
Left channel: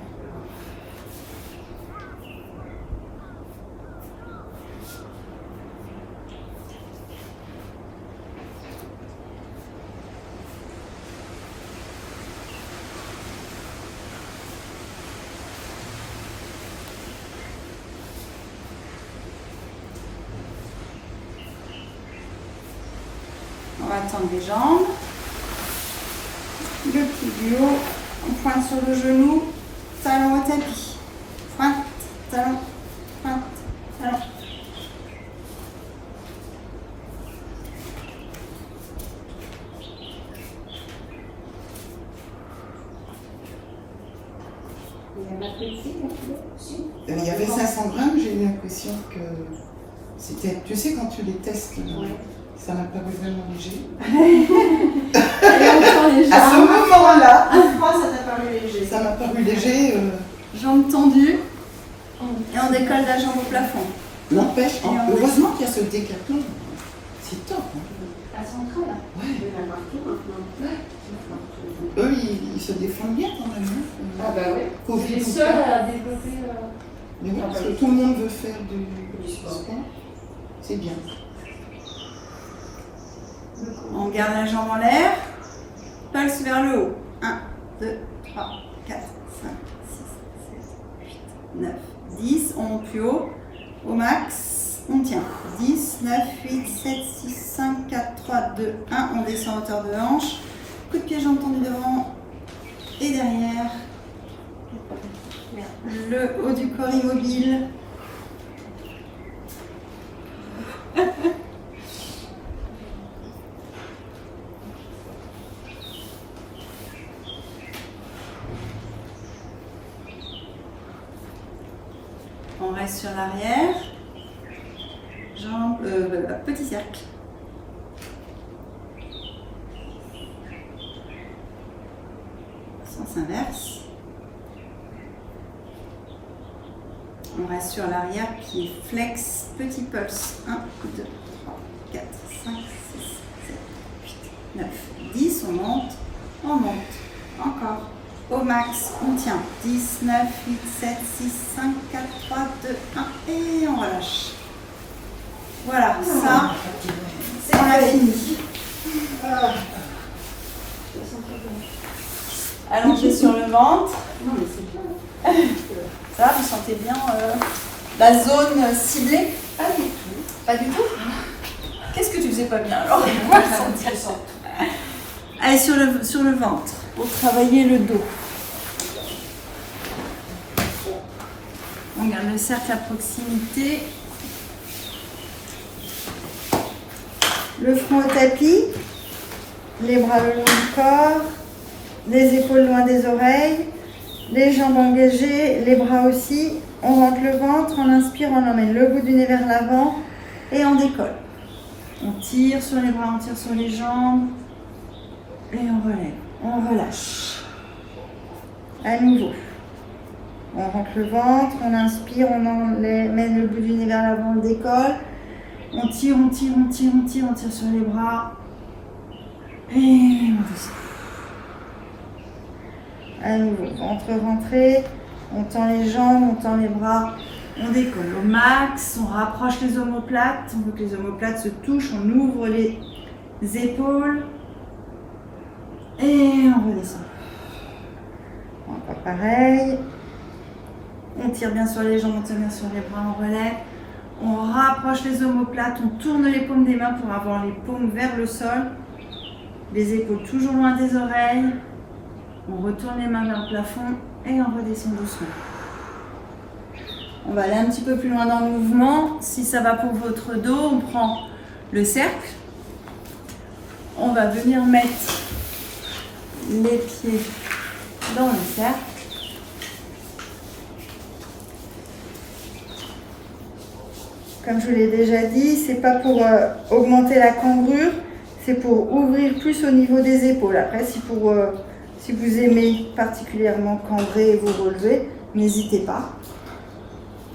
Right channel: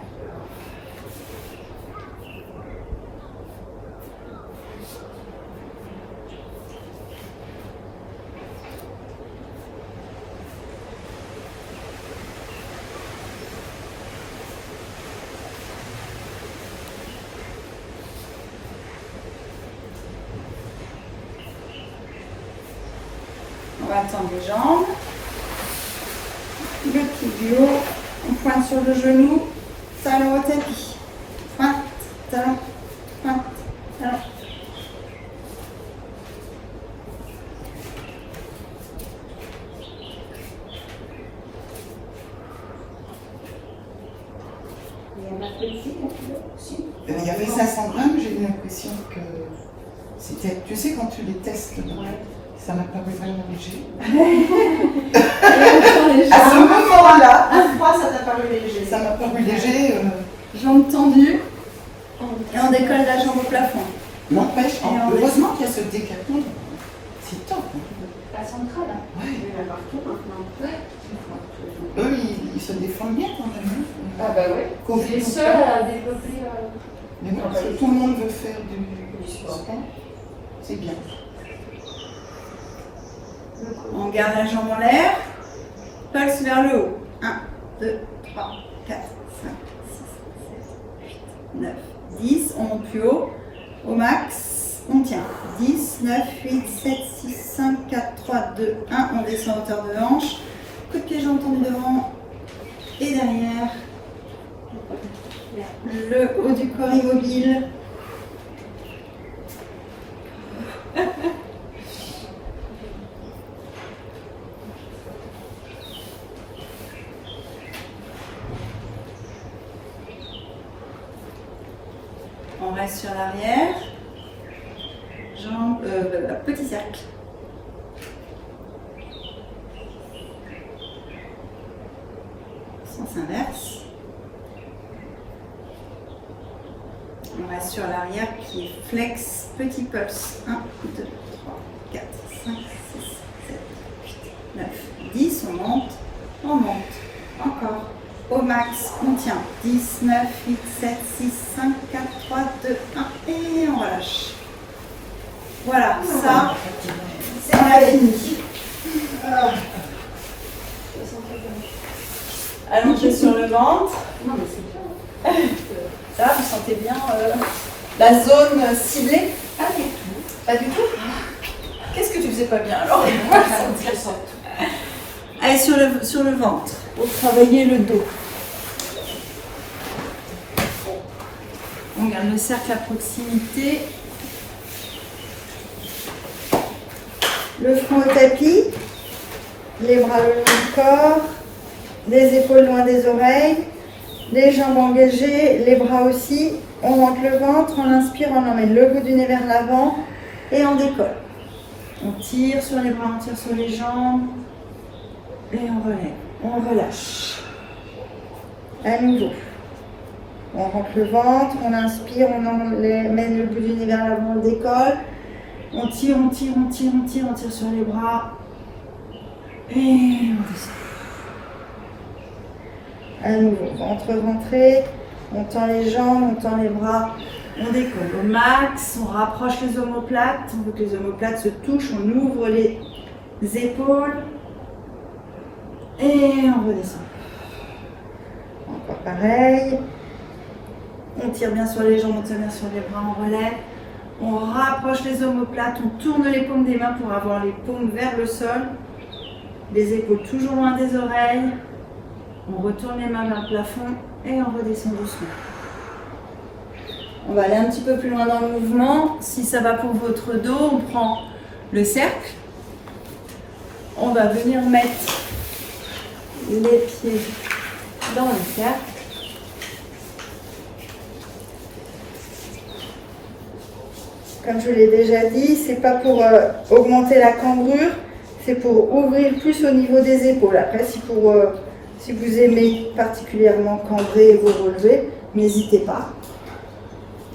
On va tendre les jambes. Le pied du haut. On pointe sur le genou. Talon au tapis. Pointe, talon, pointe, talon. il y avait 500 grammes, j'ai eu l'impression que c'était. Tu sais, quand tu les testes, ça m'a paru vraiment léger. À ce moment-là, À froid, ça t'a paru léger. ça m'a paru léger. Jambes tendues. Et on décolle la jambe au plafond. N'empêche, Et on heureusement qu'il y a ce décathlon. C'est top. Hein. Pas central, là. Ouais. Je vais la marquer maintenant. Eux, ils se défendent bien quand même. Ah bah ouais. Covid C'est les ou seuls pas. à développer. Mais non, parce que tout le monde veut faire du sport. C'est bien. On garde la jambe en l'air. Pulse vers le haut. 1, 2, 3, 4, 5, 6, 7, 8, 9, 10. On monte plus haut. Au max, on tient. 10, 9, 8, 7, 6, 5, 4, 3, 2, 1. On descend à hauteur de hanche. Coup de pied, jambes tendues devant et derrière. Le haut du corps immobile. On reste sur l'arrière. Jambes, petit cercle. Sens inverse. On reste sur l'arrière qui flex, petit pulse. 1, 2, 3, 4, 5, 6, 7, 8, 9, 10. On monte, encore. Au max, on tient. 10, 9, 8, 7, 6, 5, 4, 3, 2, 1 et on relâche. Voilà, ça, c'est la fini. Allongé sur le ventre. Ça, vous sentez bien la zone ciblée? Pas du tout. Qu'est-ce que tu faisais pas bien alors? Allez, sur le ventre, pour travailler le dos. On garde le cercle à proximité. Le front au tapis, les bras le long du corps, les épaules loin des oreilles, les jambes engagées, les bras aussi. On rentre le ventre, on inspire, on emmène le bout du nez vers l'avant et on décolle. On tire sur les bras, on tire sur les jambes et on relève, on relâche. À nouveau. On rentre le ventre, on inspire, on emmène le bout du nez vers l'avant, on décolle. On tire, on tire, on tire, on tire, on tire sur les bras. Et on descend. À nouveau, ventre ventré, on tend les jambes, on tend les bras, on décolle au max, on rapproche les omoplates, on veut que les omoplates se touchent, on ouvre les épaules et on redescend. Encore pareil, on tire bien sur les jambes, on tire bien sur les bras, on relève, on rapproche les omoplates, on tourne les paumes des mains pour avoir les paumes vers le sol, les épaules toujours loin des oreilles. On retourne les mains vers le plafond et on redescend doucement. On va aller un petit peu plus loin dans le mouvement. Si ça va pour votre dos, on prend le cercle. On va venir mettre les pieds dans le cercle. Comme je vous l'ai déjà dit, c'est pas pour augmenter la cambrure, c'est pour ouvrir plus au niveau des épaules. Après, si pour Si vous aimez particulièrement cambrer et vous relever, n'hésitez pas.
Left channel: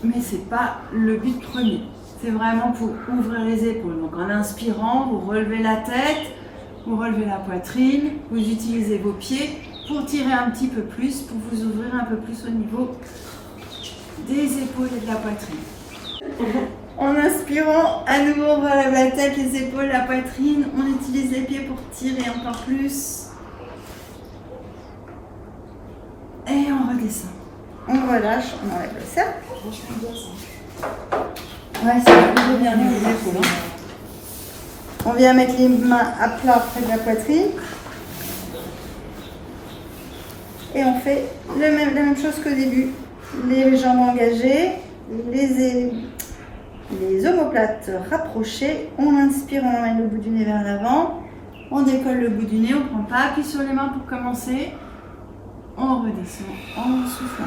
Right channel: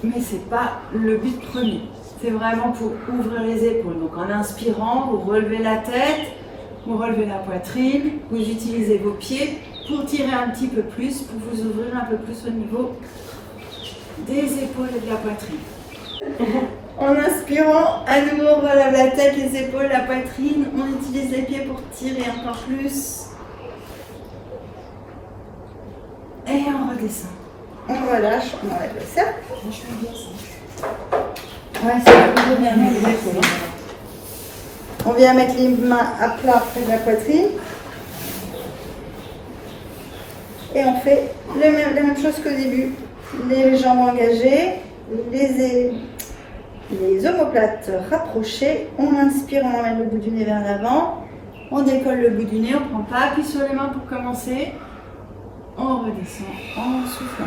Mais ce n'est pas le but premier. C'est vraiment pour ouvrir les épaules. Donc en inspirant, vous relevez la tête, vous relevez la poitrine, vous utilisez vos pieds pour tirer un petit peu plus, pour vous ouvrir un peu plus au niveau des épaules et de la poitrine. En inspirant, à nouveau on relève la tête, les épaules, la poitrine, on utilise les pieds pour tirer encore plus. Et on redescend. On relâche, on enlève le cercle. Ouais, c'est plutôt bien. On vient mettre les mains à plat près de la poitrine. Et on fait la même chose qu'au début. Les jambes engagées, les omoplates rapprochées. On inspire, on emmène le bout du nez vers l'avant. On décolle le bout du nez, on ne prend pas appui sur les mains pour commencer. On redescend en soufflant.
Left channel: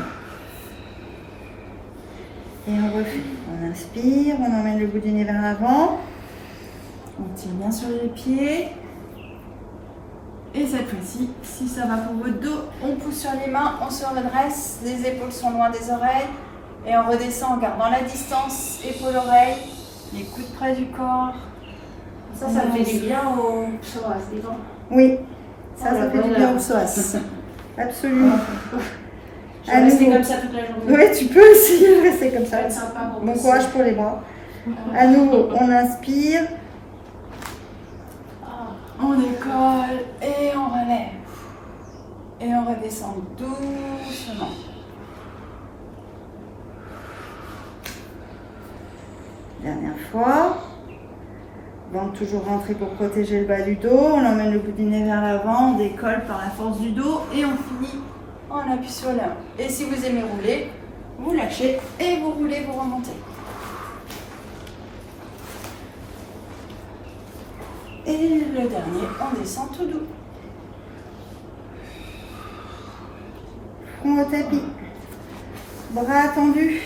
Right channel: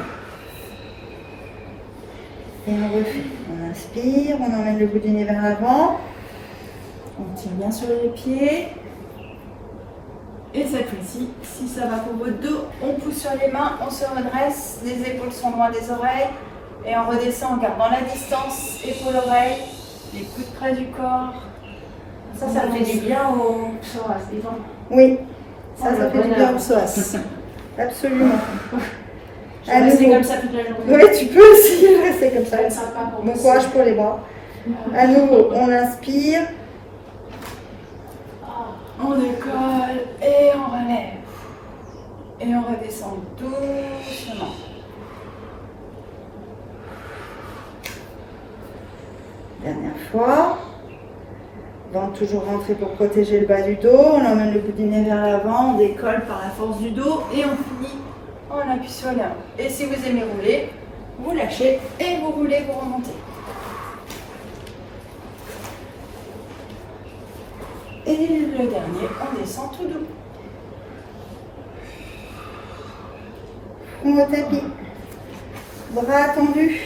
Et on refait. On inspire, on emmène le bout du nez vers l'avant. On tire bien sur les pieds. Et cette fois-ci, si ça va pour votre dos, on pousse sur les mains, on se redresse, les épaules sont loin des oreilles. Et on redescend en gardant la distance, épaule-oreille, les coudes près du corps. Ça fait du bien au psoas, disons. Oui, ça fait du bien au psoas. Absolument. Je vais rester comme ça toute la journée. Oui, tu peux aussi rester comme ça. Ça va être sympa pour Bon vous. courage pour les bras. À nouveau, on inspire. On décolle et on relève. Et on redescend doucement. Dernière fois. Donc toujours rentrer pour protéger le bas du dos. On emmène le bout du nez vers l'avant. On décolle par la force du dos et on finit. On appuie sur la main. Et si vous aimez rouler, vous lâchez et vous roulez pour remonter. Et le dernier, on descend tout doux. Front au tapis. Bras tendus.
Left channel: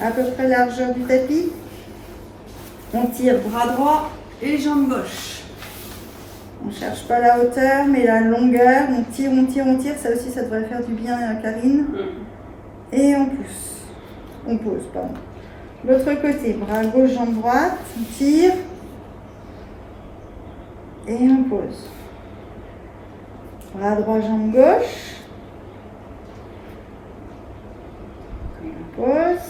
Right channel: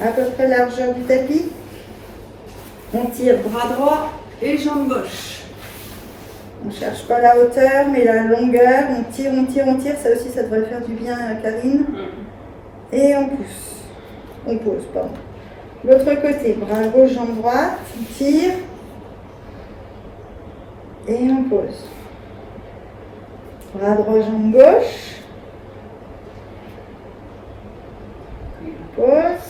À peu près la largeur du tapis. On tire bras droit et jambe gauche. On ne cherche pas la hauteur, mais la longueur. On tire, on tire, on tire. Ça aussi, ça devrait faire du bien à Karine. Et on pousse. On pose, pardon. L'autre côté, bras gauche, jambe droite. On tire. Et on pose. Bras droit, jambe gauche. On pose.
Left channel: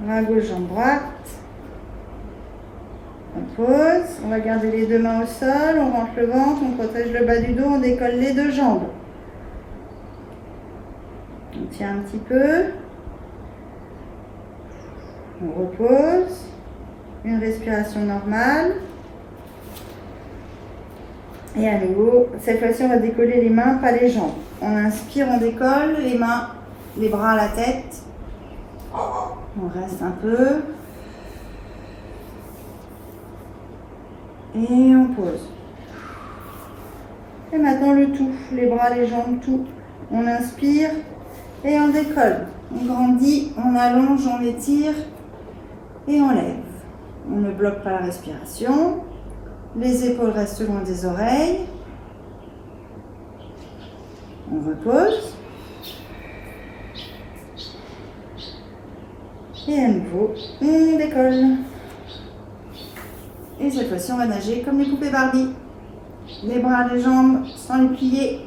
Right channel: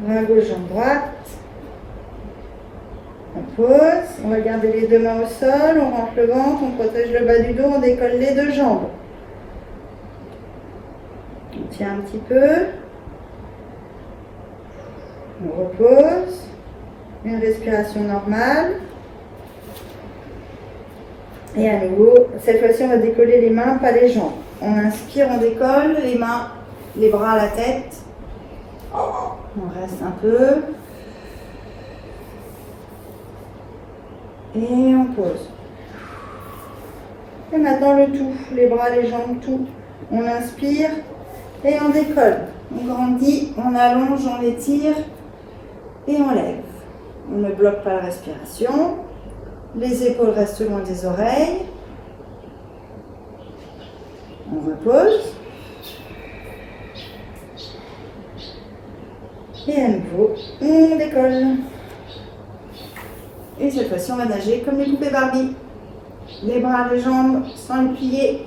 Bras gauche, jambe droite. On pose. On va garder les deux mains au sol. On rentre le ventre. On protège le bas du dos. On décolle les deux jambes. On tient un petit peu. On repose. Une respiration normale. Et à nouveau, cette fois-ci, on va décoller les mains, pas les jambes. On inspire, on décolle, les mains, les bras à la tête. On reste un peu. Et on pose. Et maintenant le tout, les bras, les jambes, tout. On inspire et on décolle. On grandit, on allonge, on étire et on lève. On ne bloque pas la respiration. Les épaules restent loin des oreilles. On repose. Et à nouveau, on décolle. Et cette fois-ci, on va nager comme les poupées Barbie. Les bras, les jambes sans les plier.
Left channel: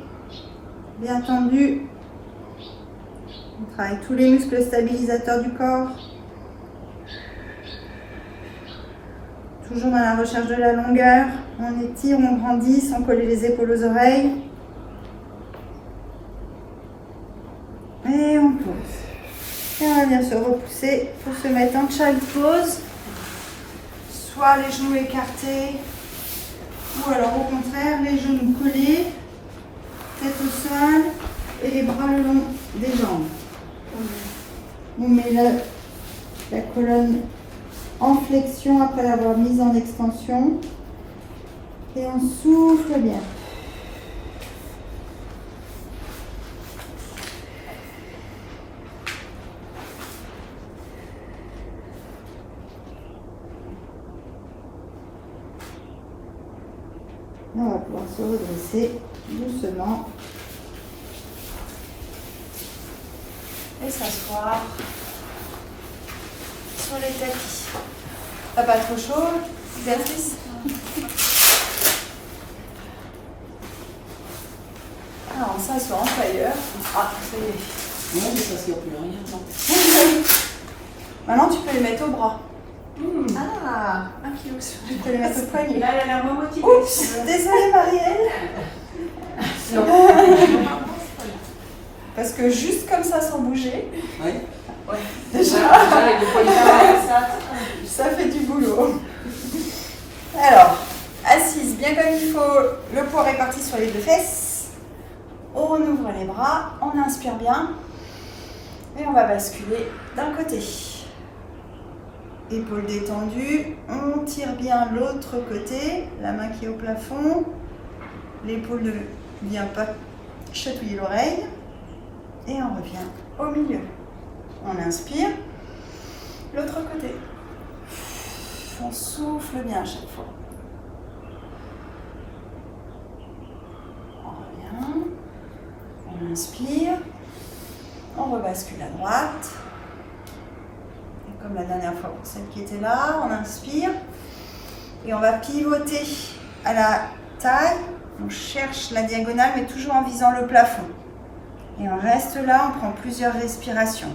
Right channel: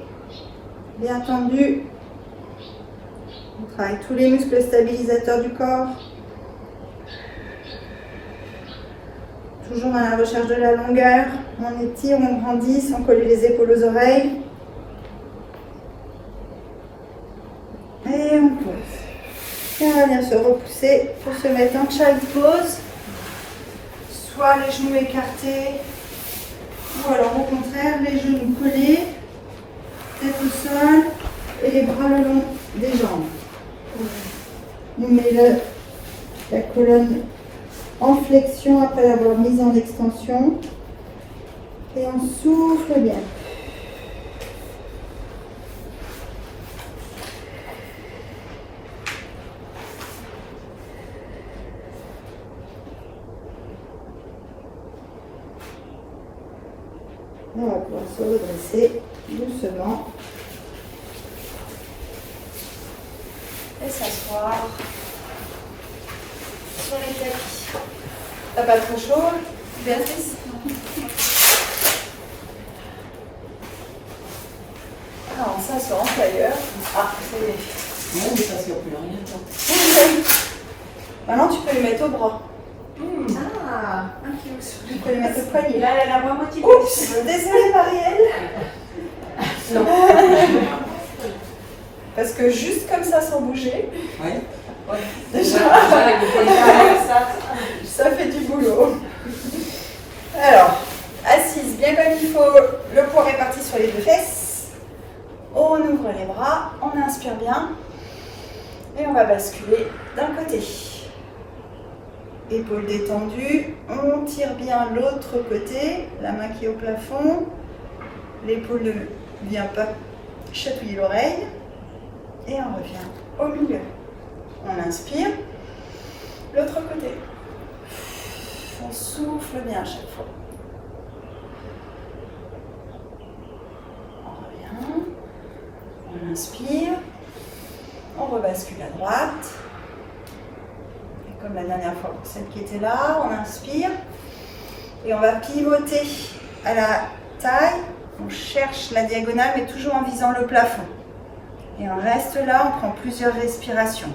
Bien tendus. On travaille tous les muscles stabilisateurs du corps. Toujours à la recherche de la longueur. On étire, on grandit sans coller les épaules aux oreilles. Et on pose. Et on va venir se repousser pour se mettre en child pose. Soit les genoux écartés, ou alors au contraire, les genoux collés, tête au sol et les bras le long des jambes. On met la colonne en flexion après l'avoir mise en extension et on souffle bien. On va pouvoir se redresser doucement. s'asseoir sur les tapis. T'as pas trop chaud, Béatrice? Alors, on s'assoit en tailleur. Ah, ça y est. Non, mais ça ne plus rien. Maintenant, tu peux les mettre au bras. Ah, un kilo sur Tu peux les mettre au poignet. Là, elle a moins motivée. Oups, désolée Marielle. Non. Parce que juste comme ça, sans bouger, Oui. déjà, Avec des poignets ça. ça fait du boulot. Alors, assise bien comme il faut, le poids réparti sur les deux fesses. On ouvre les bras, on inspire bien. Et on va basculer d'un côté. Épaules détendues, on tire bien l'autre côté, la main qui est au plafond. L'épaule ne vient pas chatouiller l'oreille. Et on revient au milieu. On inspire. L'autre côté. On souffle bien à chaque fois. On revient. On inspire. On rebascule à droite. Et comme la dernière fois pour celle qui était là, on inspire. Et on va pivoter à la taille. On cherche la diagonale, mais toujours en visant le plafond. Et on reste là, on prend plusieurs respirations.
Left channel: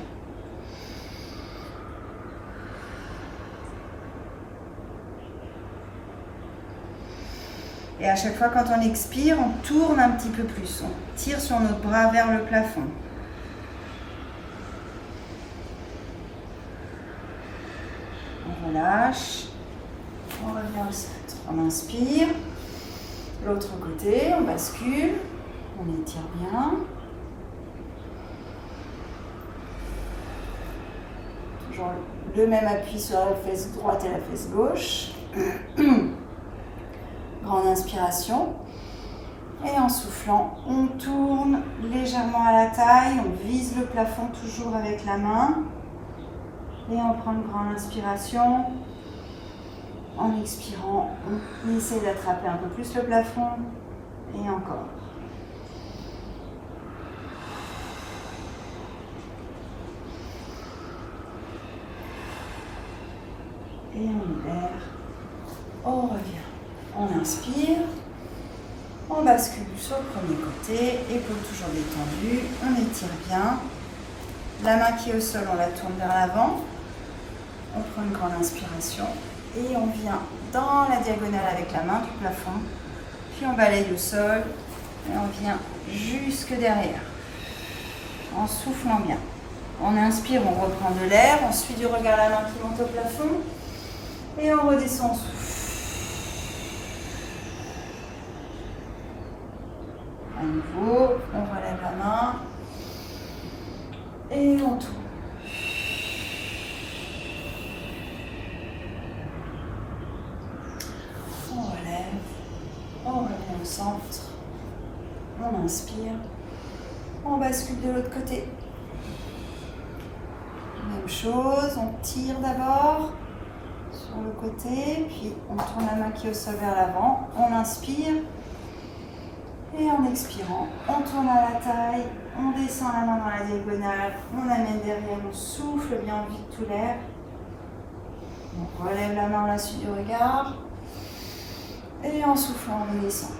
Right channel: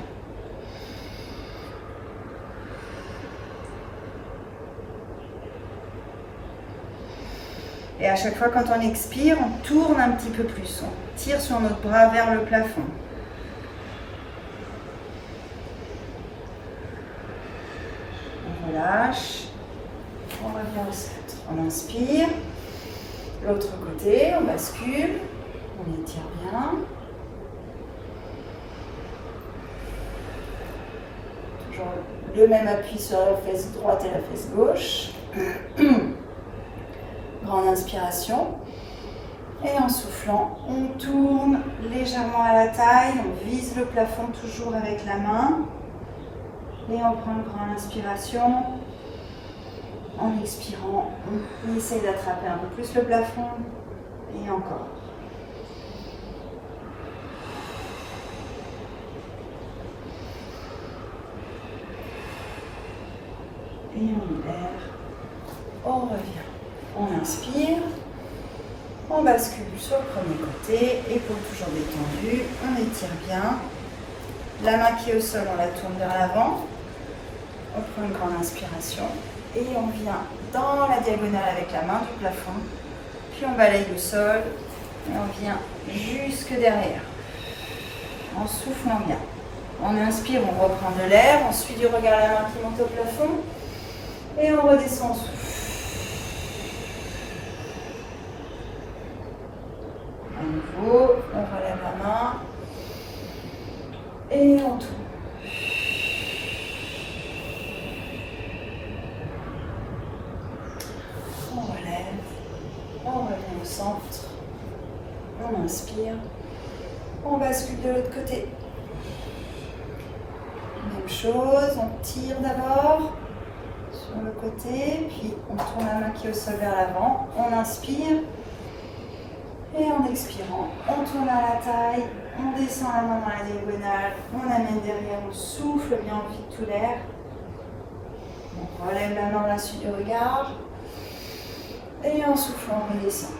Et à chaque fois quand on expire, on tourne un petit peu plus. On tire sur notre bras vers le plafond. On relâche. On revient au centre. On inspire. L'autre côté, on bascule. On étire bien. Toujours le même appui sur la fesse droite et la fesse gauche. Grande inspiration. Et en soufflant, on tourne légèrement à la taille. On vise le plafond toujours avec la main. Et on prend une grande inspiration. En expirant, on essaye d'attraper un peu plus le plafond. Et encore. Et on libère. On revient. On inspire. On bascule sur le premier côté. Épaules toujours détendues. On étire bien. La main qui est au sol, on la tourne vers l'avant. On prend une grande inspiration. Et on vient dans la diagonale avec la main du plafond. Puis on balaye le sol. Et on vient jusque derrière. En soufflant bien. On inspire, on reprend de l'air. On suit du regard la main qui monte au plafond. Et on redescend en souffle. À nouveau, on relève la main. Et on tourne. On relève. On revient au centre. On inspire. On bascule de l'autre côté. Même chose, on tire d'abord sur le côté, puis on tourne la main qui est au sol vers l'avant. On inspire. Et en expirant, on tourne à la taille, on descend la main dans la diagonale, on amène derrière, on souffle bien, on vide tout l'air. On relève la main, on la suit du regard. Et en soufflant, on redescend.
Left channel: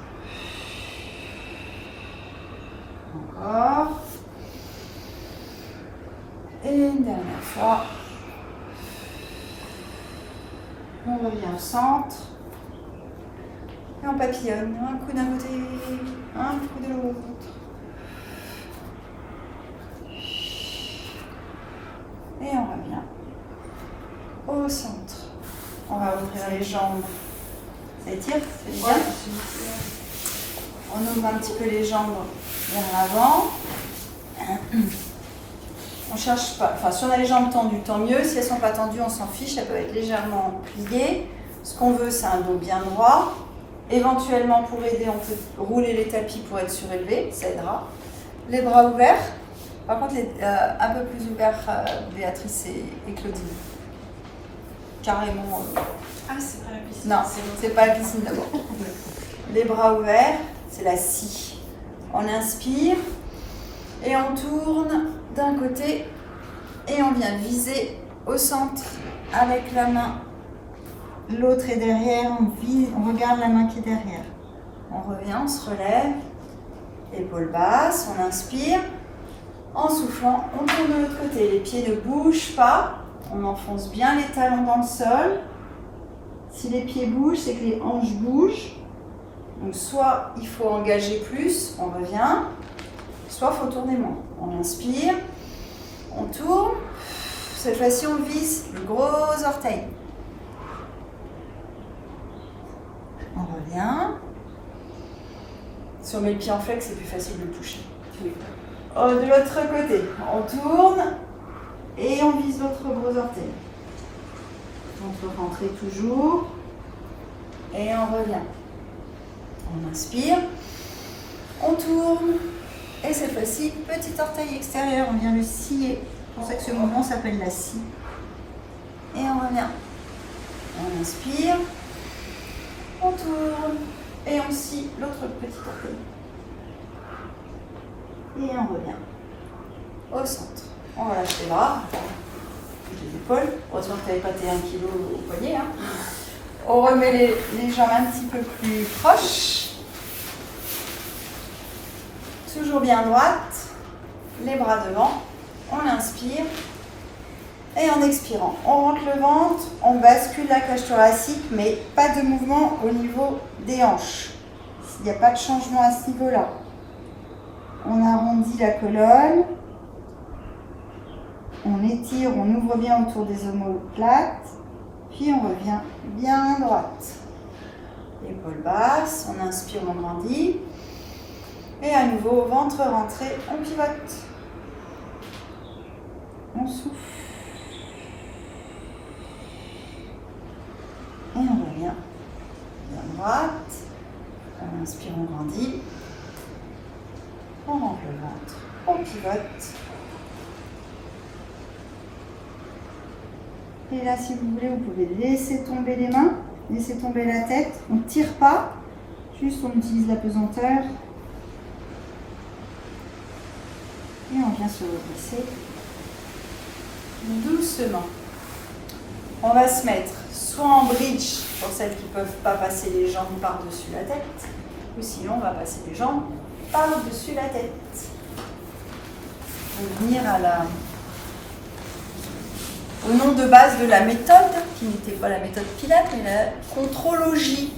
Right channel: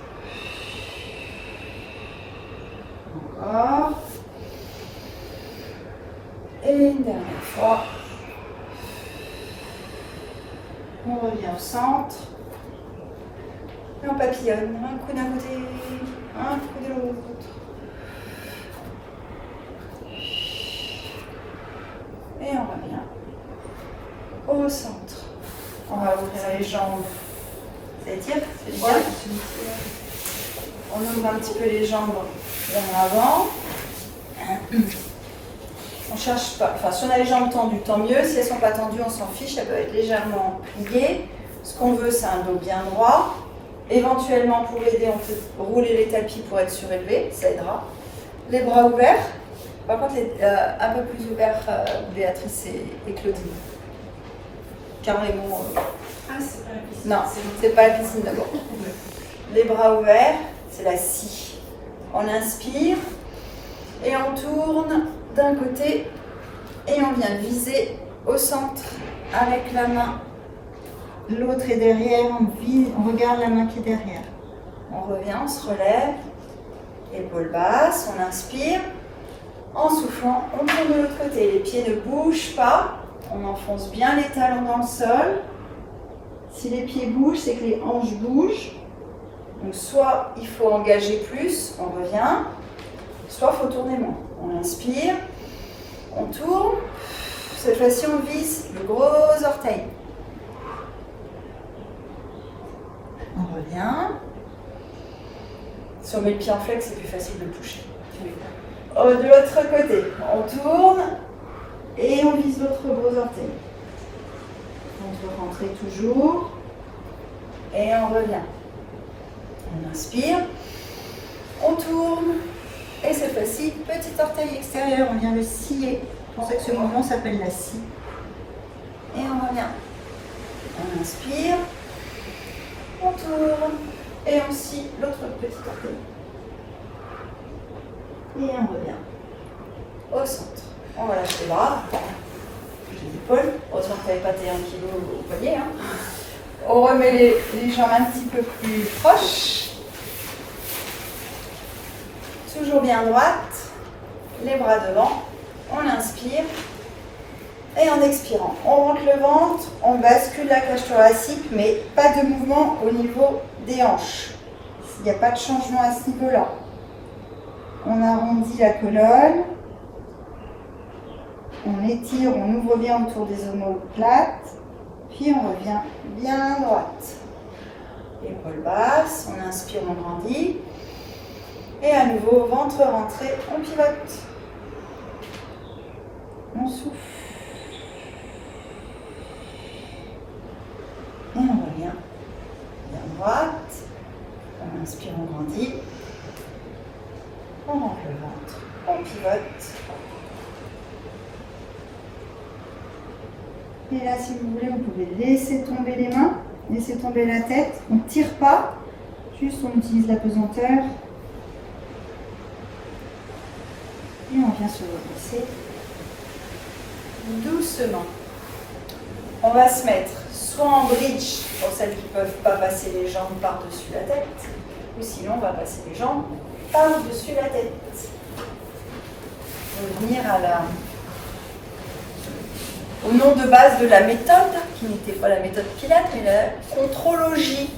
Encore. Et une dernière fois. On revient au centre. Et on papillonne, un coup d'un côté, un coup de l'autre. Et on revient au centre. On va ouvrir les jambes. Ça étire, c'est bien. On ouvre un petit peu les jambes vers l'avant. On cherche pas, enfin si on a les jambes tendues, tant mieux. Si elles ne sont pas tendues, on s'en fiche, elles peuvent être légèrement pliées. Ce qu'on veut, c'est un dos bien droit. Éventuellement, pour aider, on peut rouler les tapis pour être surélevé, ça aidera. Les bras ouverts. Par contre, un peu plus ouverts, Béatrice et Claudine. Carrément. Ah, c'est pas la piscine. Non, c'est pas la piscine d'abord. Les bras ouverts, c'est la scie. On inspire et on tourne d'un côté Et on vient viser au centre avec la main. L'autre est derrière, on regarde la main qui est derrière. On revient, on se relève, épaules basses, on inspire. En soufflant, on tourne de l'autre côté. Les pieds ne bougent pas, on enfonce bien les talons dans le sol. Si les pieds bougent, c'est que les hanches bougent. Donc soit il faut engager plus, on revient, soit il faut tourner moins. On inspire, on tourne. Cette fois-ci, on vise le gros orteil. On revient. Si on met le pied en flex, c'est plus facile de toucher. De l'autre côté, on tourne et on vise l'autre gros orteil. On peut rentrer toujours et on revient. On inspire, on tourne et cette fois-ci, petit orteil extérieur, on vient le scier. C'est pour ça que ce mouvement s'appelle la scie. Et on revient. On inspire, on tourne et on scie l'autre petit orteil. Et on revient au centre. On relâche les bras, les épaules. Heureusement que tu n'avais pas tes 1 kg au poignet. Hein. On remet les jambes un petit peu plus proches. Toujours bien droite. Les bras devant. On inspire. Et en expirant, on rentre le ventre. On bascule la cage thoracique, mais pas de mouvement au niveau des hanches. Il n'y a pas de changement à ce niveau-là. On arrondit la colonne, on étire, on ouvre bien autour des omoplates, puis on revient bien droite. Épaules basses, on inspire, on grandit, et à nouveau, ventre rentré, on pivote. On souffle. Et on revient bien droite, on inspire, on grandit. On rentre le ventre, on pivote. Et là, si vous voulez, vous pouvez laisser tomber les mains, laisser tomber la tête. On ne tire pas, juste on utilise la pesanteur. Et on vient se redresser doucement. On va se mettre soit en bridge, pour celles qui ne peuvent pas passer les jambes par-dessus la tête, ou sinon on va passer les jambes par-dessus la tête. Revenir au nom de base de la méthode, qui n'était pas la méthode Pilates, mais la contrôlogie.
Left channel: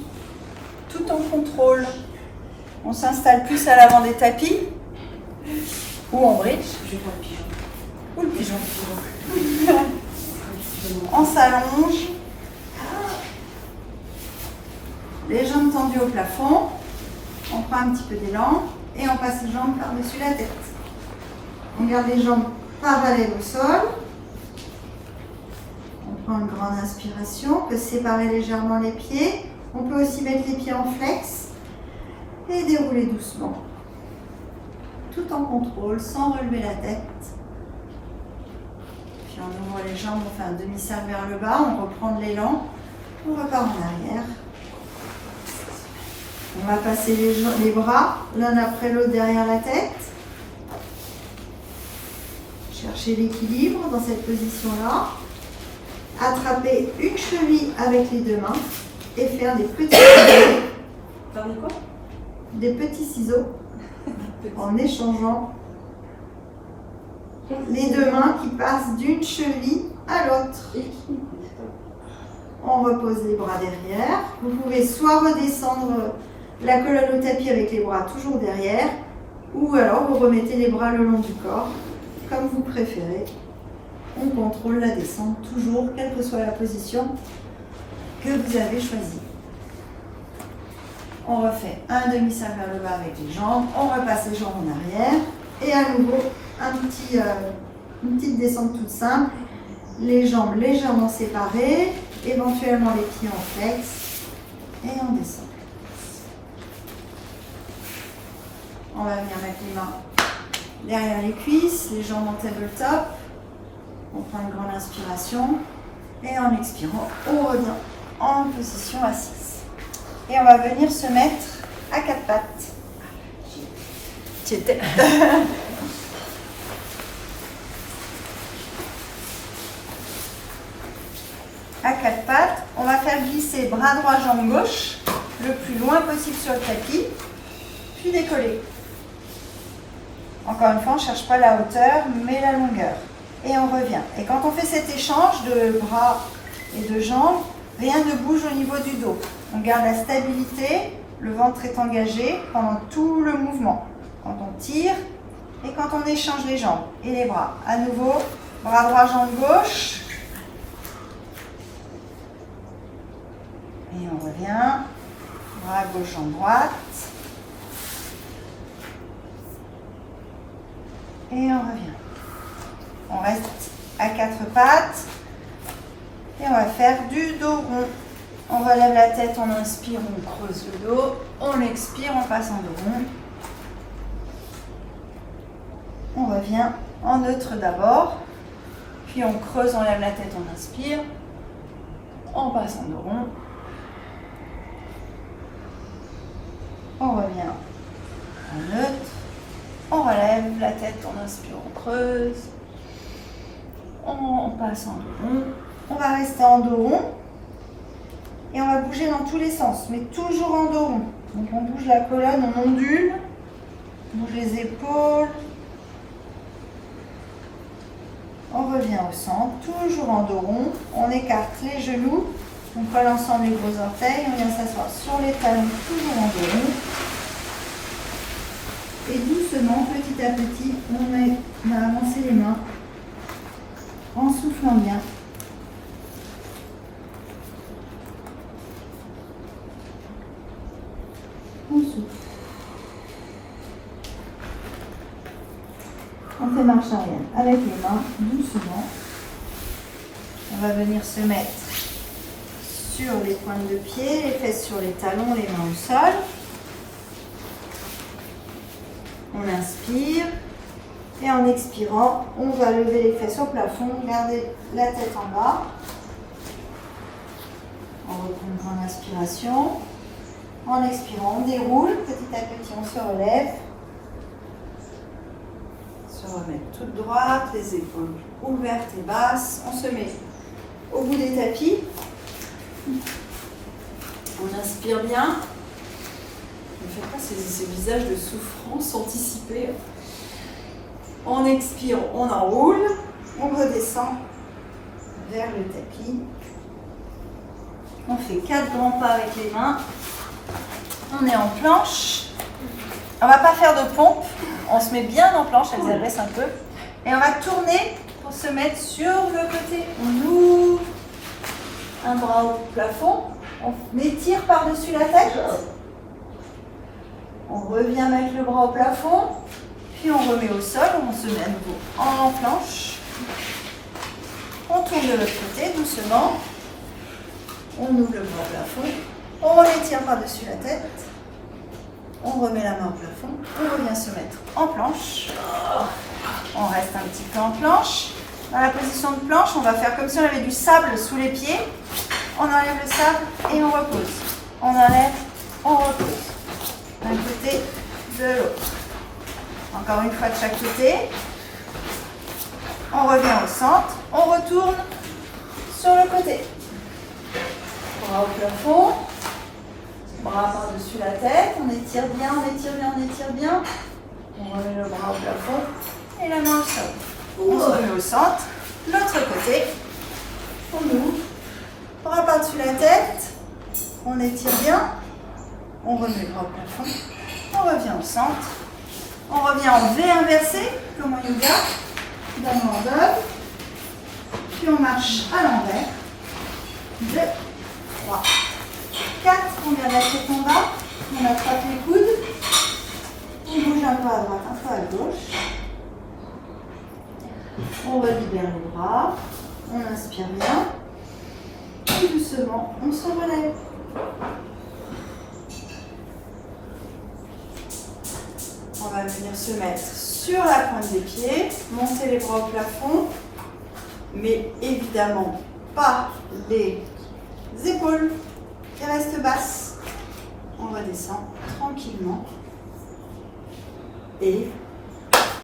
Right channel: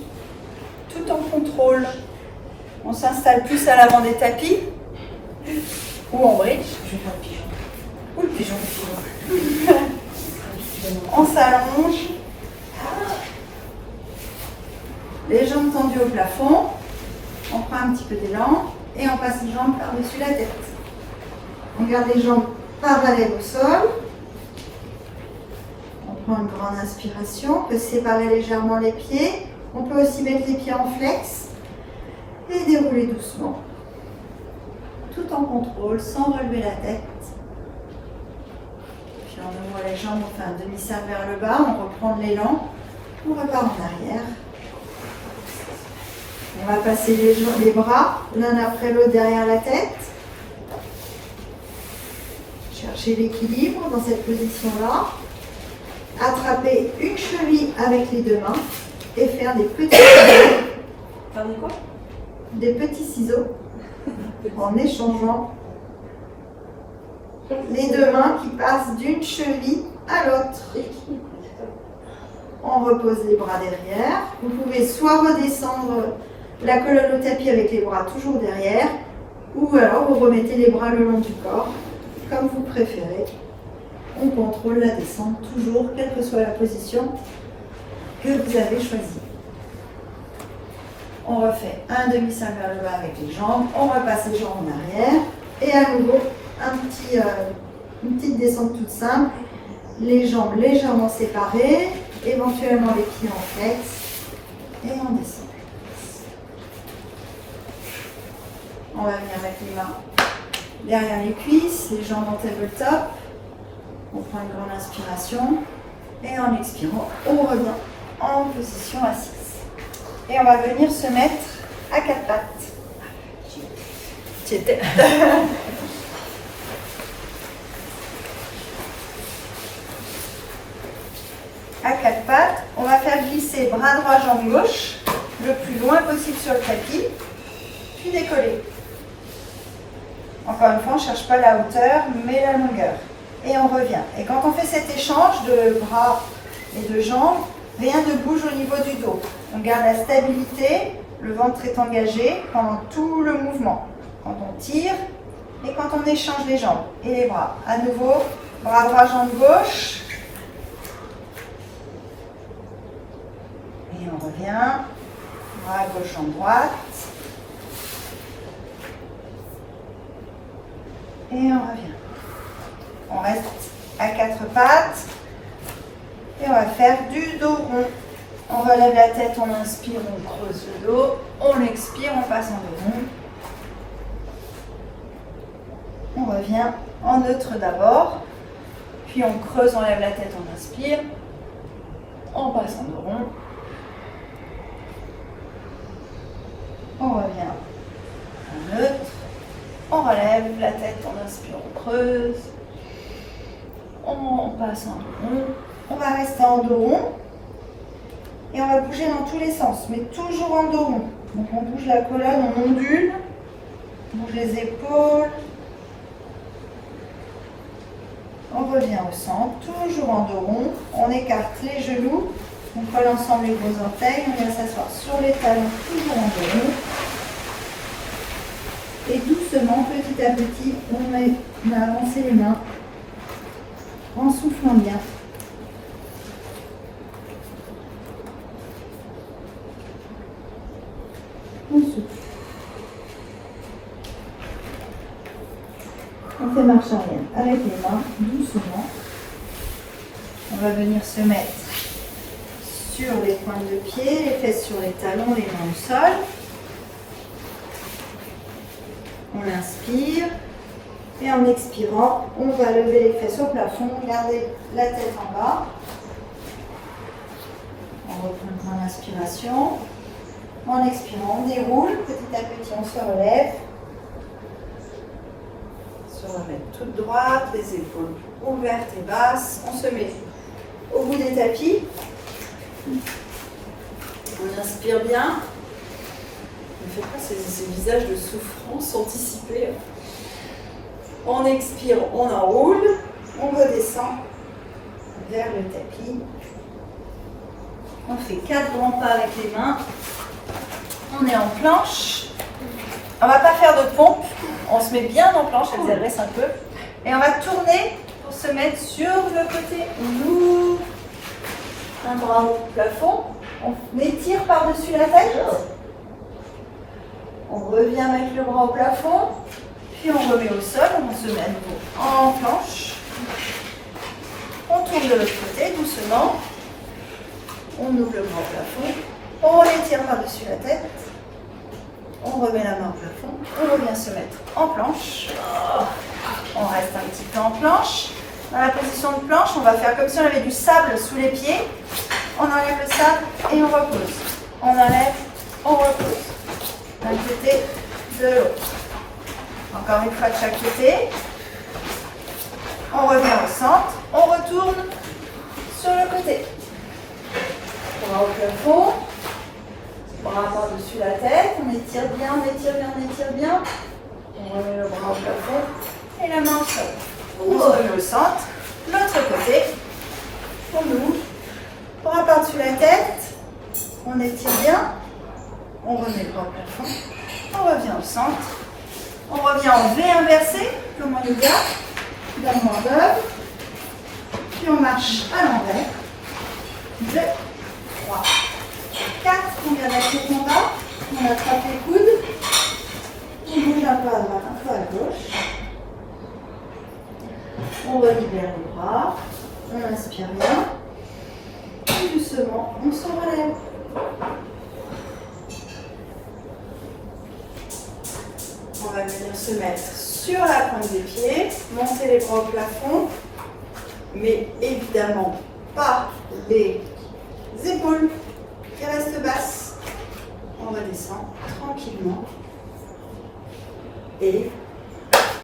Tout en contrôle. On s'installe plus à l'avant des tapis, ou en bridge. Je vois le pigeon. Ou le pigeon. On s'allonge. Les jambes tendues au plafond. On prend un petit peu d'élan. Et on passe les jambes par-dessus la tête. On garde les jambes parallèles au sol. On prend une grande inspiration. On peut séparer légèrement les pieds. On peut aussi mettre les pieds en flex. Et dérouler doucement. Tout en contrôle, sans relever la tête. Puis on ouvre les jambes, on fait un demi-cercle vers le bas. On reprend de l'élan. On repart en arrière. On va passer les bras l'un après l'autre derrière la tête. Chercher l'équilibre dans cette position-là. Attraper une cheville avec les deux mains et faire des petits ciseaux. Faire des quoi? Des petits ciseaux en échangeant les deux mains qui passent d'une cheville à l'autre. On repose les bras derrière. Vous pouvez soit redescendre la colonne au tapis avec les bras toujours derrière, ou alors vous remettez les bras le long du corps, comme vous préférez. On contrôle la descente toujours, quelle que soit la position que vous avez choisie. On refait un demi-cercle vers le bas avec les jambes, on repasse les jambes en arrière, et à nouveau une petite descente toute simple, les jambes légèrement séparées, éventuellement les pieds en flex, et on descend. On va venir avec les mains derrière les cuisses, les jambes en tabletop. On prend une grande inspiration et en expirant, on revient en position assise. Et on va venir se mettre à quatre pattes. J'y étais. On va faire glisser bras droit, jambe gauche, le plus loin possible sur le tapis, puis décoller. Encore une fois, on ne cherche pas la hauteur, mais la longueur. Et on revient. Et quand on fait cet échange de bras et de jambes, rien ne bouge au niveau du dos. On garde la stabilité, le ventre est engagé pendant tout le mouvement. Quand on tire et quand on échange les jambes et les bras. À nouveau, bras droit, jambe gauche. Et on revient. Bras gauche, jambe droite. Et on revient. On reste à quatre pattes. Et on va faire du dos rond. On relève la tête, on inspire, on creuse le dos. On expire, on passe en dos rond. On revient en neutre d'abord. Puis on creuse, on lève la tête, on inspire. On passe en dos rond. On revient en neutre. On relève la tête, on inspire, on creuse. On passe en dos rond. On va rester en dos rond. Et on va bouger dans tous les sens, mais toujours en dos rond. Donc on bouge la colonne, on ondule. On bouge les épaules. On revient au centre, toujours en dos rond. On écarte les genoux. On colle ensemble les gros orteils. On vient s'asseoir sur les talons, toujours en dos rond. Et doucement, petit à petit, on a avancé les mains en soufflant bien. On souffle. On fait marche arrière avec les mains, doucement. On va venir se mettre sur les pointes de pied, les fesses sur les talons, les mains au sol. On inspire. Et en expirant, on va lever les fesses au plafond, garder la tête en bas. On reprend une grande inspiration. En expirant, on déroule. Petit à petit, on se relève. Se remettre toute droite, les épaules ouvertes et basses. On se met au bout des tapis. On inspire bien. Ne faites pas ces visages de souffrance anticipés. On expire, on enroule. On redescend vers le tapis. On fait 4 grands pas avec les mains. On est en planche. On ne va pas faire de pompe. On se met bien en planche, elle s'adresse un peu. Et on va tourner pour se mettre sur le côté. On ouvre un bras au plafond. On étire par-dessus la tête. On revient mettre le bras au plafond. Puis on remet au sol. On se met à nouveau en planche. On tourne de l'autre côté doucement. On ouvre le bras au plafond. On l'étire par-dessus la tête. On remet la main au plafond. On revient se mettre en planche. On reste un petit peu en planche. Dans la position de planche, on va faire comme si on avait du sable sous les pieds. On enlève le sable et on repose. On enlève, on repose. D'un côté, de l'autre. Encore une fois de chaque côté. On revient au centre. On retourne sur le côté. Bras au plafond. Bras par-dessus la tête. On étire bien, on étire bien, on étire bien. On remet le bras au plafond et la main au sol. On remet au centre. L'autre côté. On ouvre. Bras par-dessus la tête. On étire bien. On remet le bras au plafond. On revient au centre. On revient en V inversé, comme en yoga. D'abord d'œuvre. Puis on marche à l'envers. 2, 3, 4. On vient mettre les combats. On attrape les coudes. On bouge un peu à droite, un peu à gauche. On relibère les bras. On inspire bien. Et doucement, on se relève. On va venir se mettre sur la pointe des pieds, monter les bras au plafond, mais évidemment pas les épaules qui restent basses. On redescend tranquillement et